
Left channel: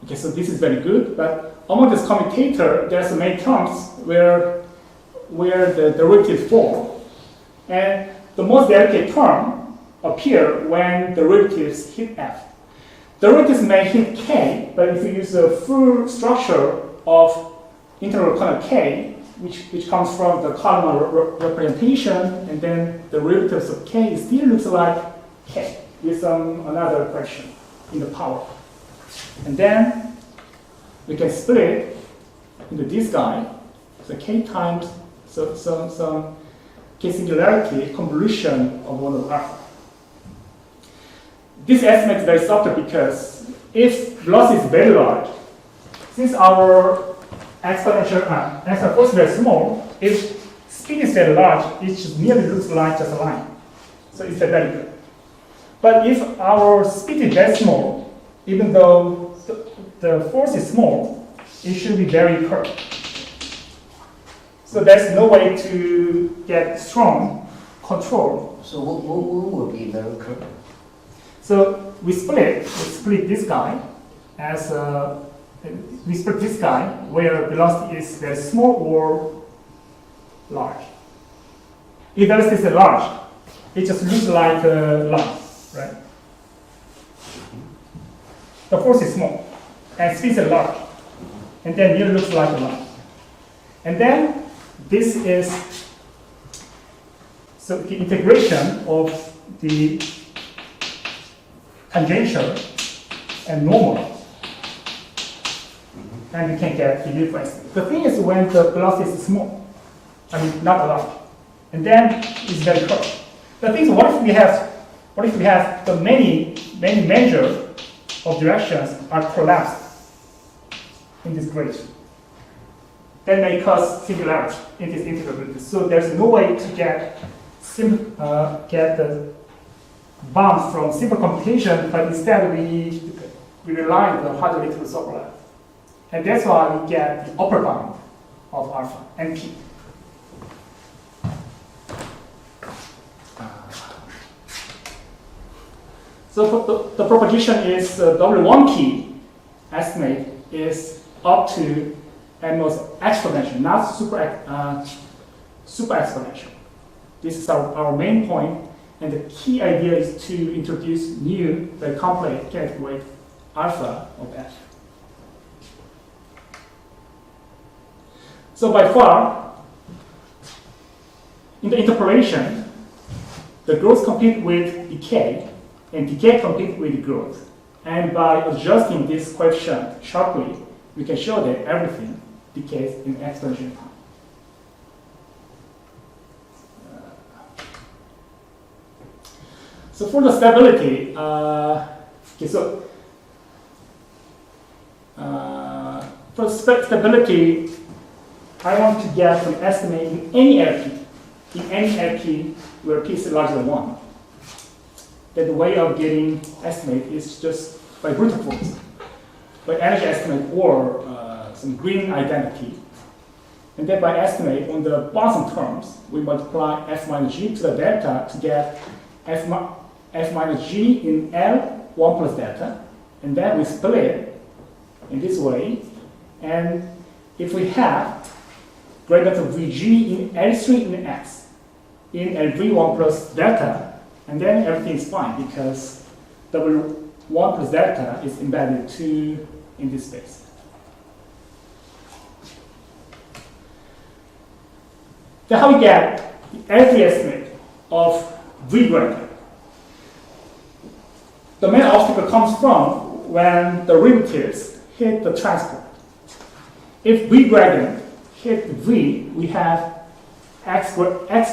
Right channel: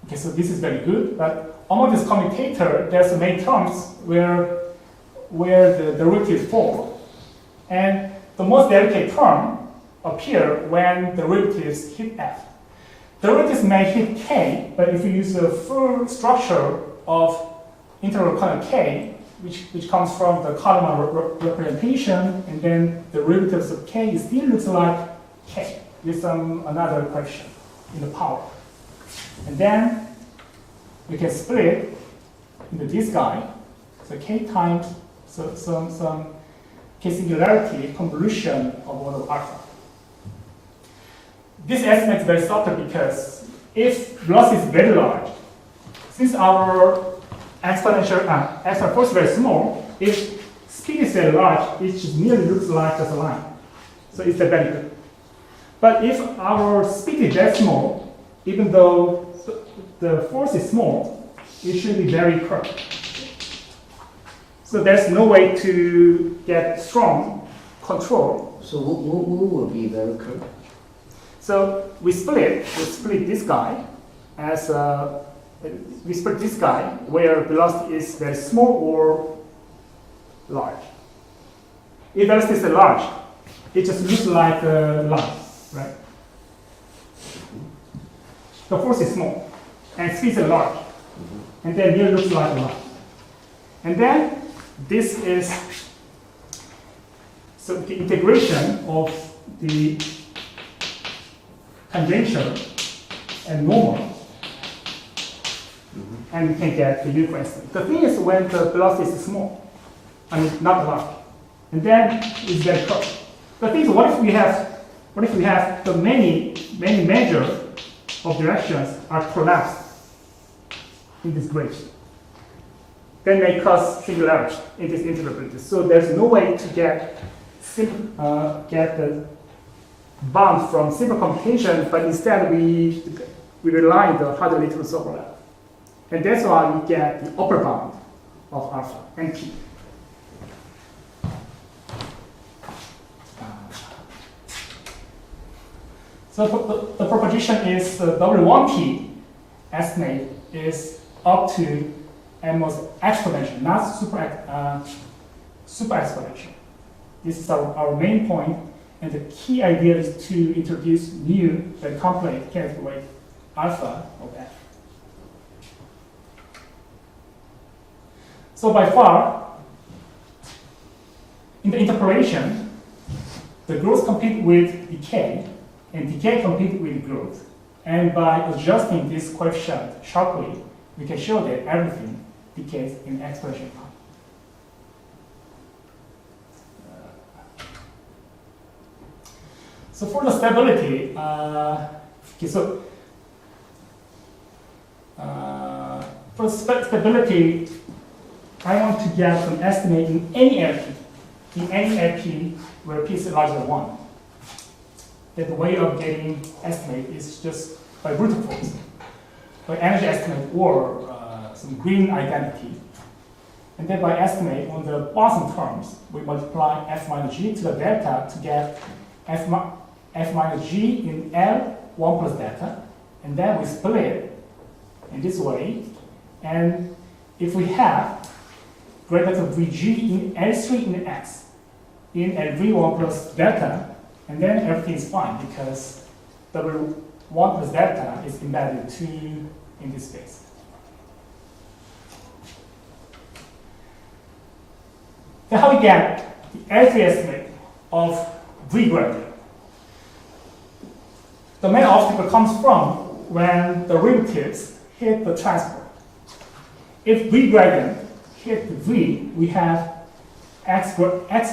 Okay, so this is very good, but among this commutator, there's many terms where the derivative fall, and the most delicate term appear when derivatives hit f. Derivatives may hit k, but if you use the full structure of integral kernel k, which comes from the columnar representation, and then the derivatives of k still looks like k with another question in the power. And then we can split into this guy, so k times some k singularity convolution of 1 over alpha. This estimate is very subtle because if velocity is very large, since our exponential is very small, if speed is very large, it just merely looks like just a line. So it's very good. But if our speed is very small, even though the force is small, it should be very curved. So there's no way to get strong control. So what will be very curved? So we split this guy, as we expect this guy where velocity is very small or large. If velocity is large, it just looks like a line, right? The force is small, and speed is large, and then it looks like a line. And then this is so the integration of the tangential and normal, and we can get the dilute estimate. The thing is when the velocity is small, I mean not large, and then it's very close. The thing is, what if we have the many measures of directions are collapsed in this gradient? That may cause singularity in this integrability. So there's no way to get the bound from simple computation, but instead we rely on the hardly to overlap. And that's why we get the upper bound of alpha and p. So the proposition is W1p estimate is up to almost exponential, not super exponential. This is our main point, and the key idea is to introduce new, very complex kinetic wave alpha of f. So by far, in the interpolation, the growth compete with decay, and decay compete with growth. And by adjusting this coefficient sharply, we can show that everything decays in exponential time. So for the stability, for stability, I want to get some estimate in any LP where p is larger than 1. That the way of getting estimate is just by brute force, by energy estimate or some green identity. And then by estimate on the bottom terms, we multiply f minus g to the delta to get f minus g in L 1 plus delta. And then we split it in this way. And if we have greater than Vg in L3 in x, in L3 1 plus delta, and then everything is fine because W1 plus delta is embedded 2 in this space. Then how we get the L3 estimate of V gradient? The main obstacle comes from when the rim tips hit the transport. If V gradient hit V, we have x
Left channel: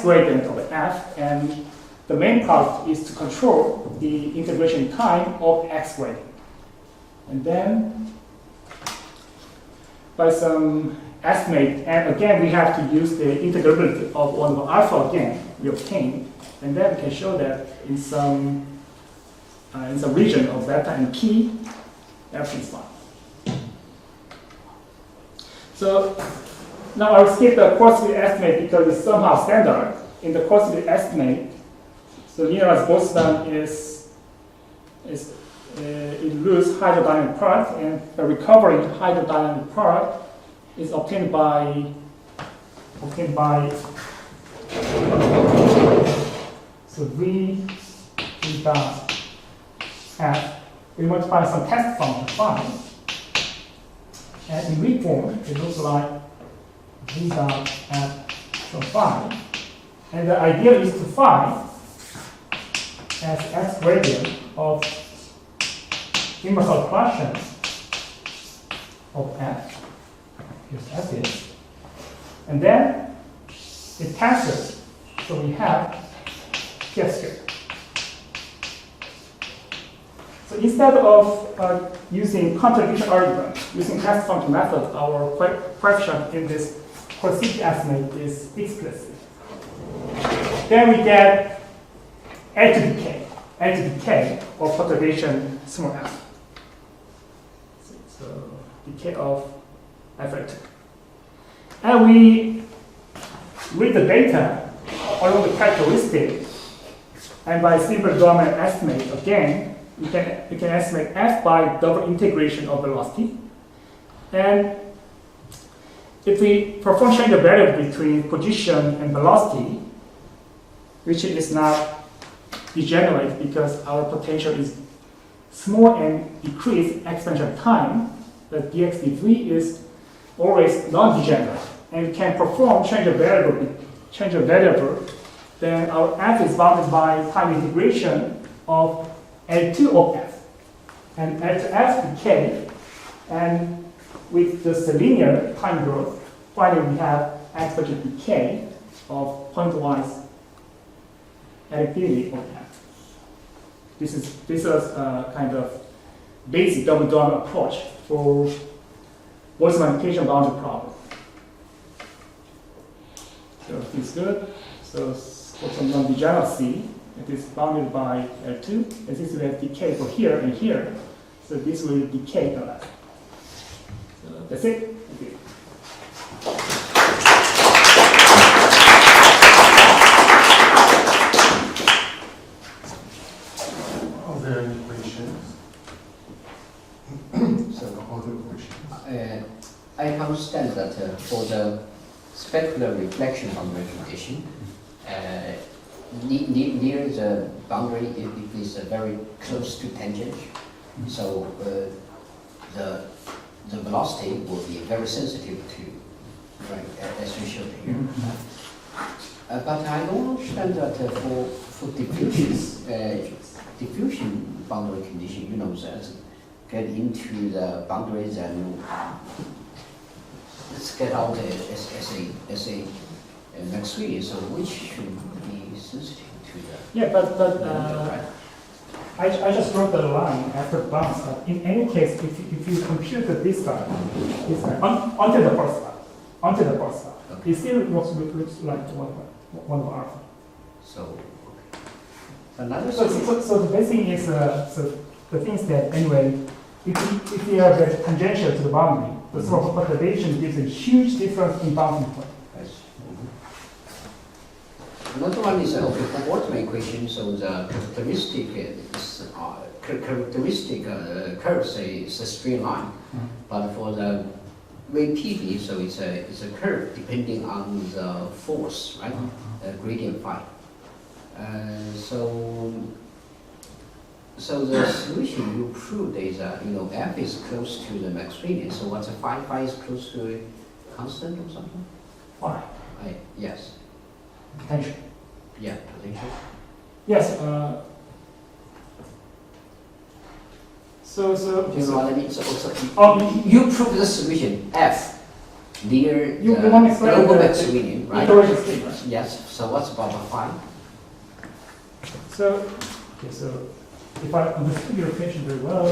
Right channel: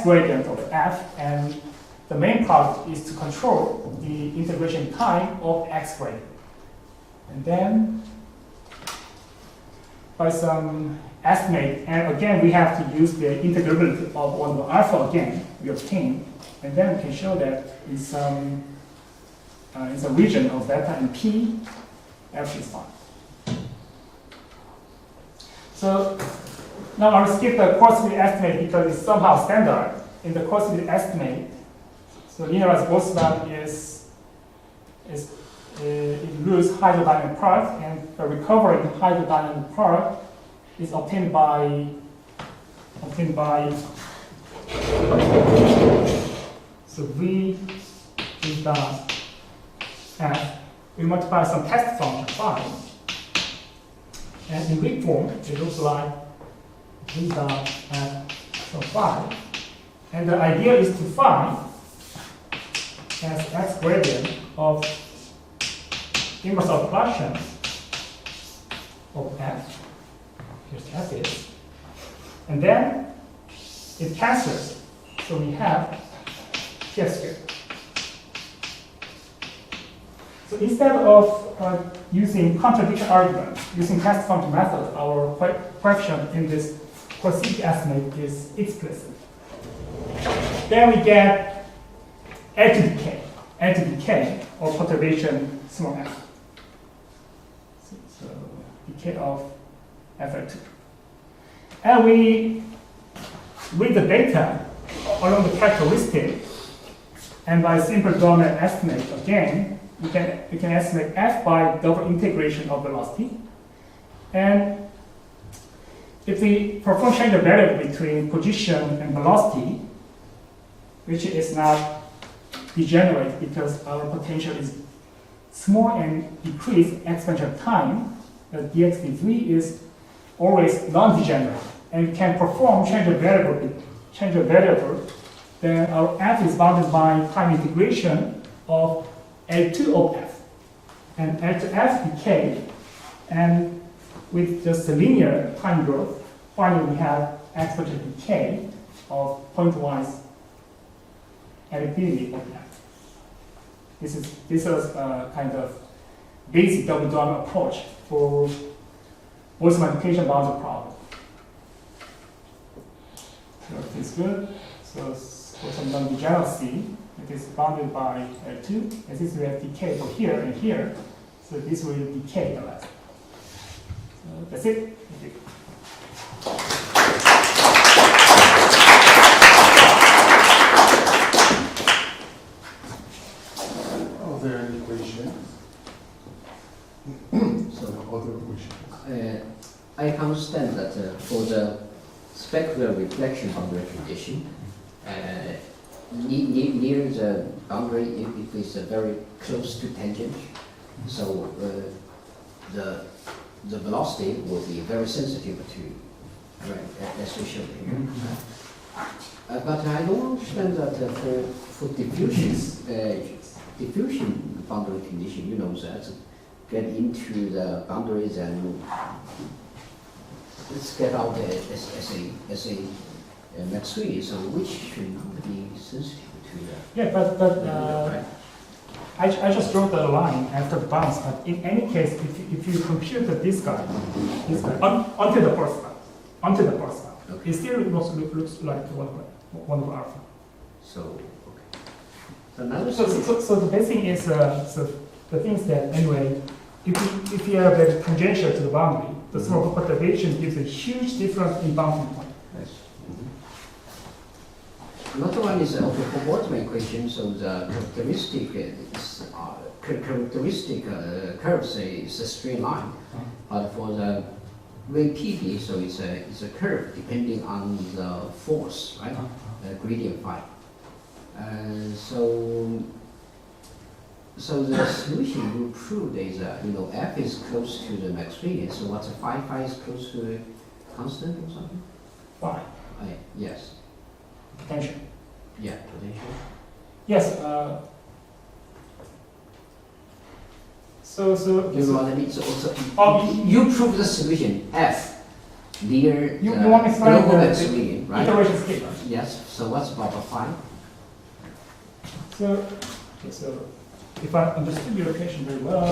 gradient of f, and the main part is to control the integration time of x gradient. And then by some estimate, and again we have to use the integrability of 1 over alpha again, we obtain, and then we can show that in some region of delta and p, everything is fine. So now I'll skip the coarse-field estimate because it's somehow standard. In the coarse-field estimate, so linearized Boltzmann it loses hydrodynamic product, and the recovering hydrodynamic product is obtained by so V is dot f. We multiply some test function phi, and in V form it looks like V dot f of phi, and the idea is to find as x gradient of inverse of Gaussian of f. Here's f is, and then it cancels, so we have px squared. So instead of using contradiction argument, using test function method, our coefficient in this coercive estimate is explicit. Then we get edge decay or perturbation small f. So decay of f2. And we read the data along the characteristic, and by simple domain estimate again, we can estimate f by double integration of velocity. And if we perform change of variable between position and velocity, which is not degenerate because our potential is small and decrease exponential time, the dx dv is always non-degenerate, and we can perform change of variable, then our f is bounded by time integration of L2 of f. And L2f decay, and with just a linear time growth, finally we have exponential decay of pointwise additivity of f. This is a kind of basic double-drum approach for Boltzmann application boundary problem. So everything's good. So for some non-degeneracy, it is bounded by L2. And this will have decay for here and here. So this will decay the left. So that's it. Thank you. Are there any questions? So, other questions? I understand that for the specular reflection boundary condition, near the boundary, if it's very close to tangent, so the velocity will be very sensitive to, right, as we showed here. But I don't understand that for diffusion boundary condition, you know, that get into the boundaries and let's get out as a Maxwellian, so which should be sensitive to that. Yeah, but I just wrote the line after the bounce. But in any case, if you compute this guy onto the first one, Okay. it still looks like one of alpha. So, another So the basic thing is so the thing is that anyway, if you have a tangential to the boundary, the sort of perturbation gives a huge difference in bounding point. another one is okay, for Boltzmann equation, so the characteristic curve say is a straight line, but for the rate PV, so it's a curve depending on the force, right? Gradient phi. So the solution you proved is f is close to the Maxwellian. So what's phi is close to a constant or something? Phi. Yes. Potential. Yeah, potential. Yes. You prove the solution f near you want me to global the Maxwellian, right? iteration scheme, right? Yes. So what's about phi? So if I understood your equation very well.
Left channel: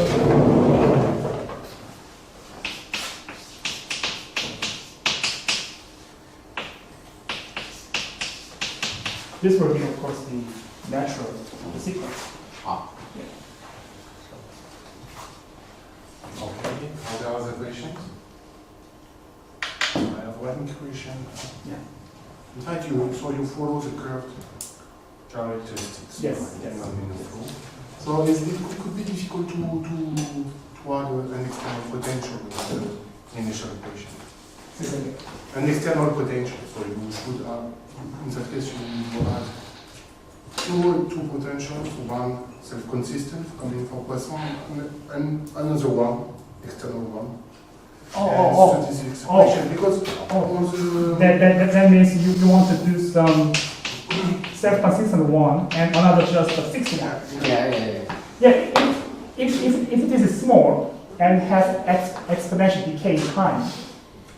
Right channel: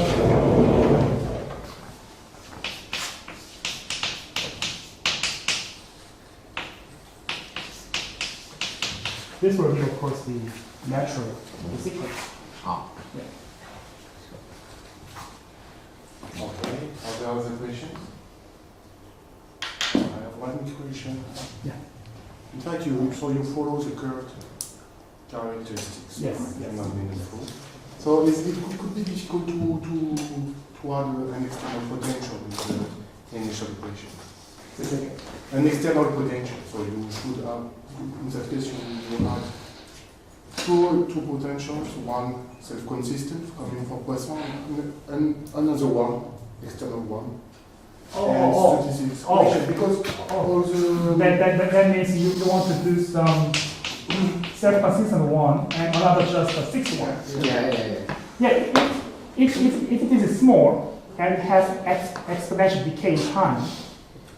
This will be, of course, the natural sequence. Okay. Are there other questions? I have one question. Yeah. In fact, you follow the curved characteristics. Yes. Right? Yes. Not meaningful. So it could be difficult to add an external potential in the initial equation. An external potential. So you should have, in that case, you add two potentials, one self-consistent coming from Poisson, and another one, external one. Because all the... That means you want to do some self-consistent one and another just a fixed one. Yeah, if it is small and has exponential decay time,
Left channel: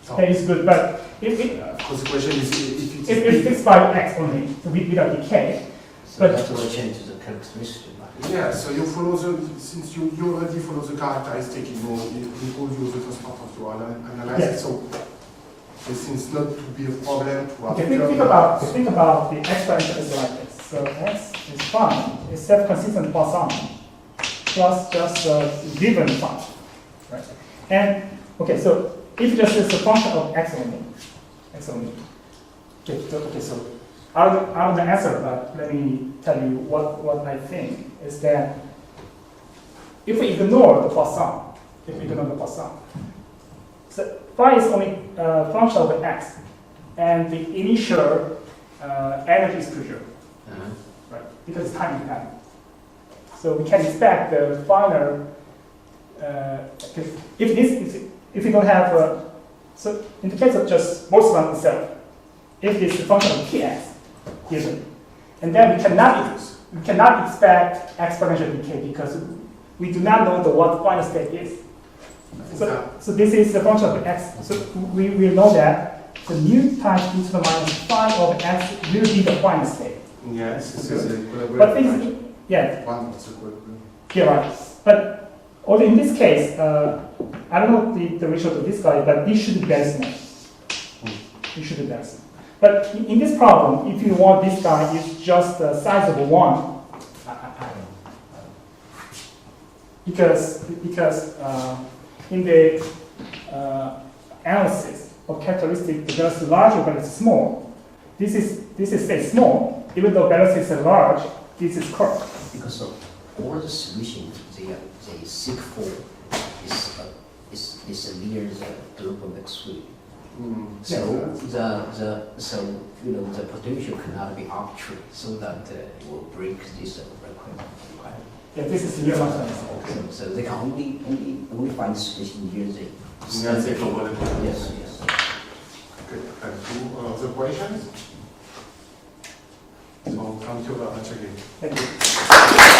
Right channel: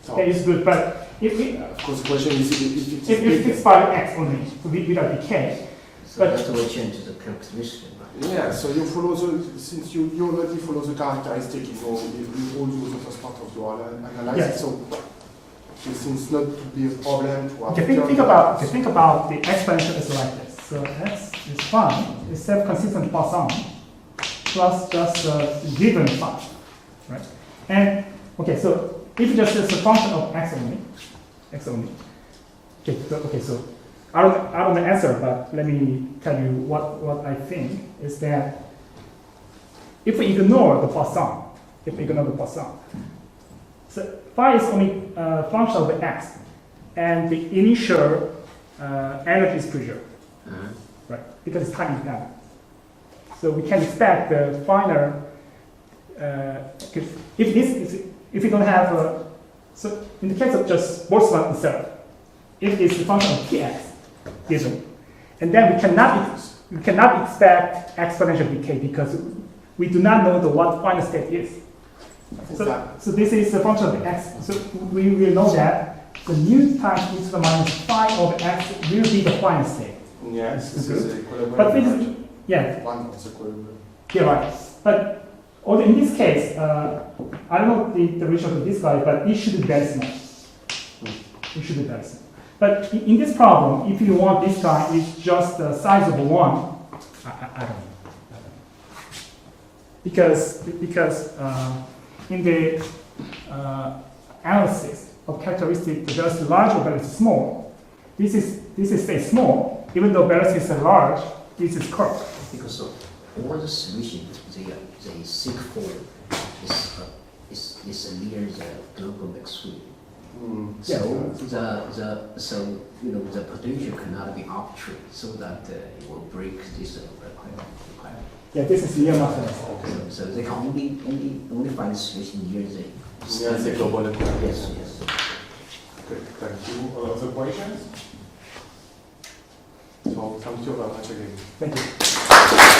that is good. But if of course, the question is if it's fixed by x only, without decay. So that's why change the characteristic. Yeah, so you follow since you already follow the characteristic in all the first part of your analysis, yes. So it seems not to be a problem to have. Okay, think about the exponential is like this. So x is fine, it's self-consistent Poisson plus just a given function, right? And okay, so if just is a function of x only. Okay, so I don't know the answer, but let me tell you what I think is that if we ignore the Poisson, so phi is only a function of x, and the initial energy distribution, right? Because it's time dependent. So we can expect the final. If you don't have so in the case of just Boltzmann itself, if it's the function of Tx given, and then we cannot expect exponential decay because we do not know what final state is. So this is the function of x. So we know that the nu times e to the minus phi of x will be the final state. Yeah, this is a equilibrium. But this, yeah. One of the equilibrium. Yeah, right. But although in this case, I don't know the ratio to this guy, but it should be very small. It should be very small. But in this problem, if you want this guy is just the size of 1, I don't know. Because in the analysis of characteristic, the velocity large or velocity small, this is say small, even though velocities are large, this is curved. Because of all the solutions, they seek for is near the global maximum. So the potential cannot be arbitrary, so that it will break this requirement. Yeah, this is near Maxwell. So they can only find solution near the global. Yes. Okay, thank you. Other questions? So thank you very much again. Thank you.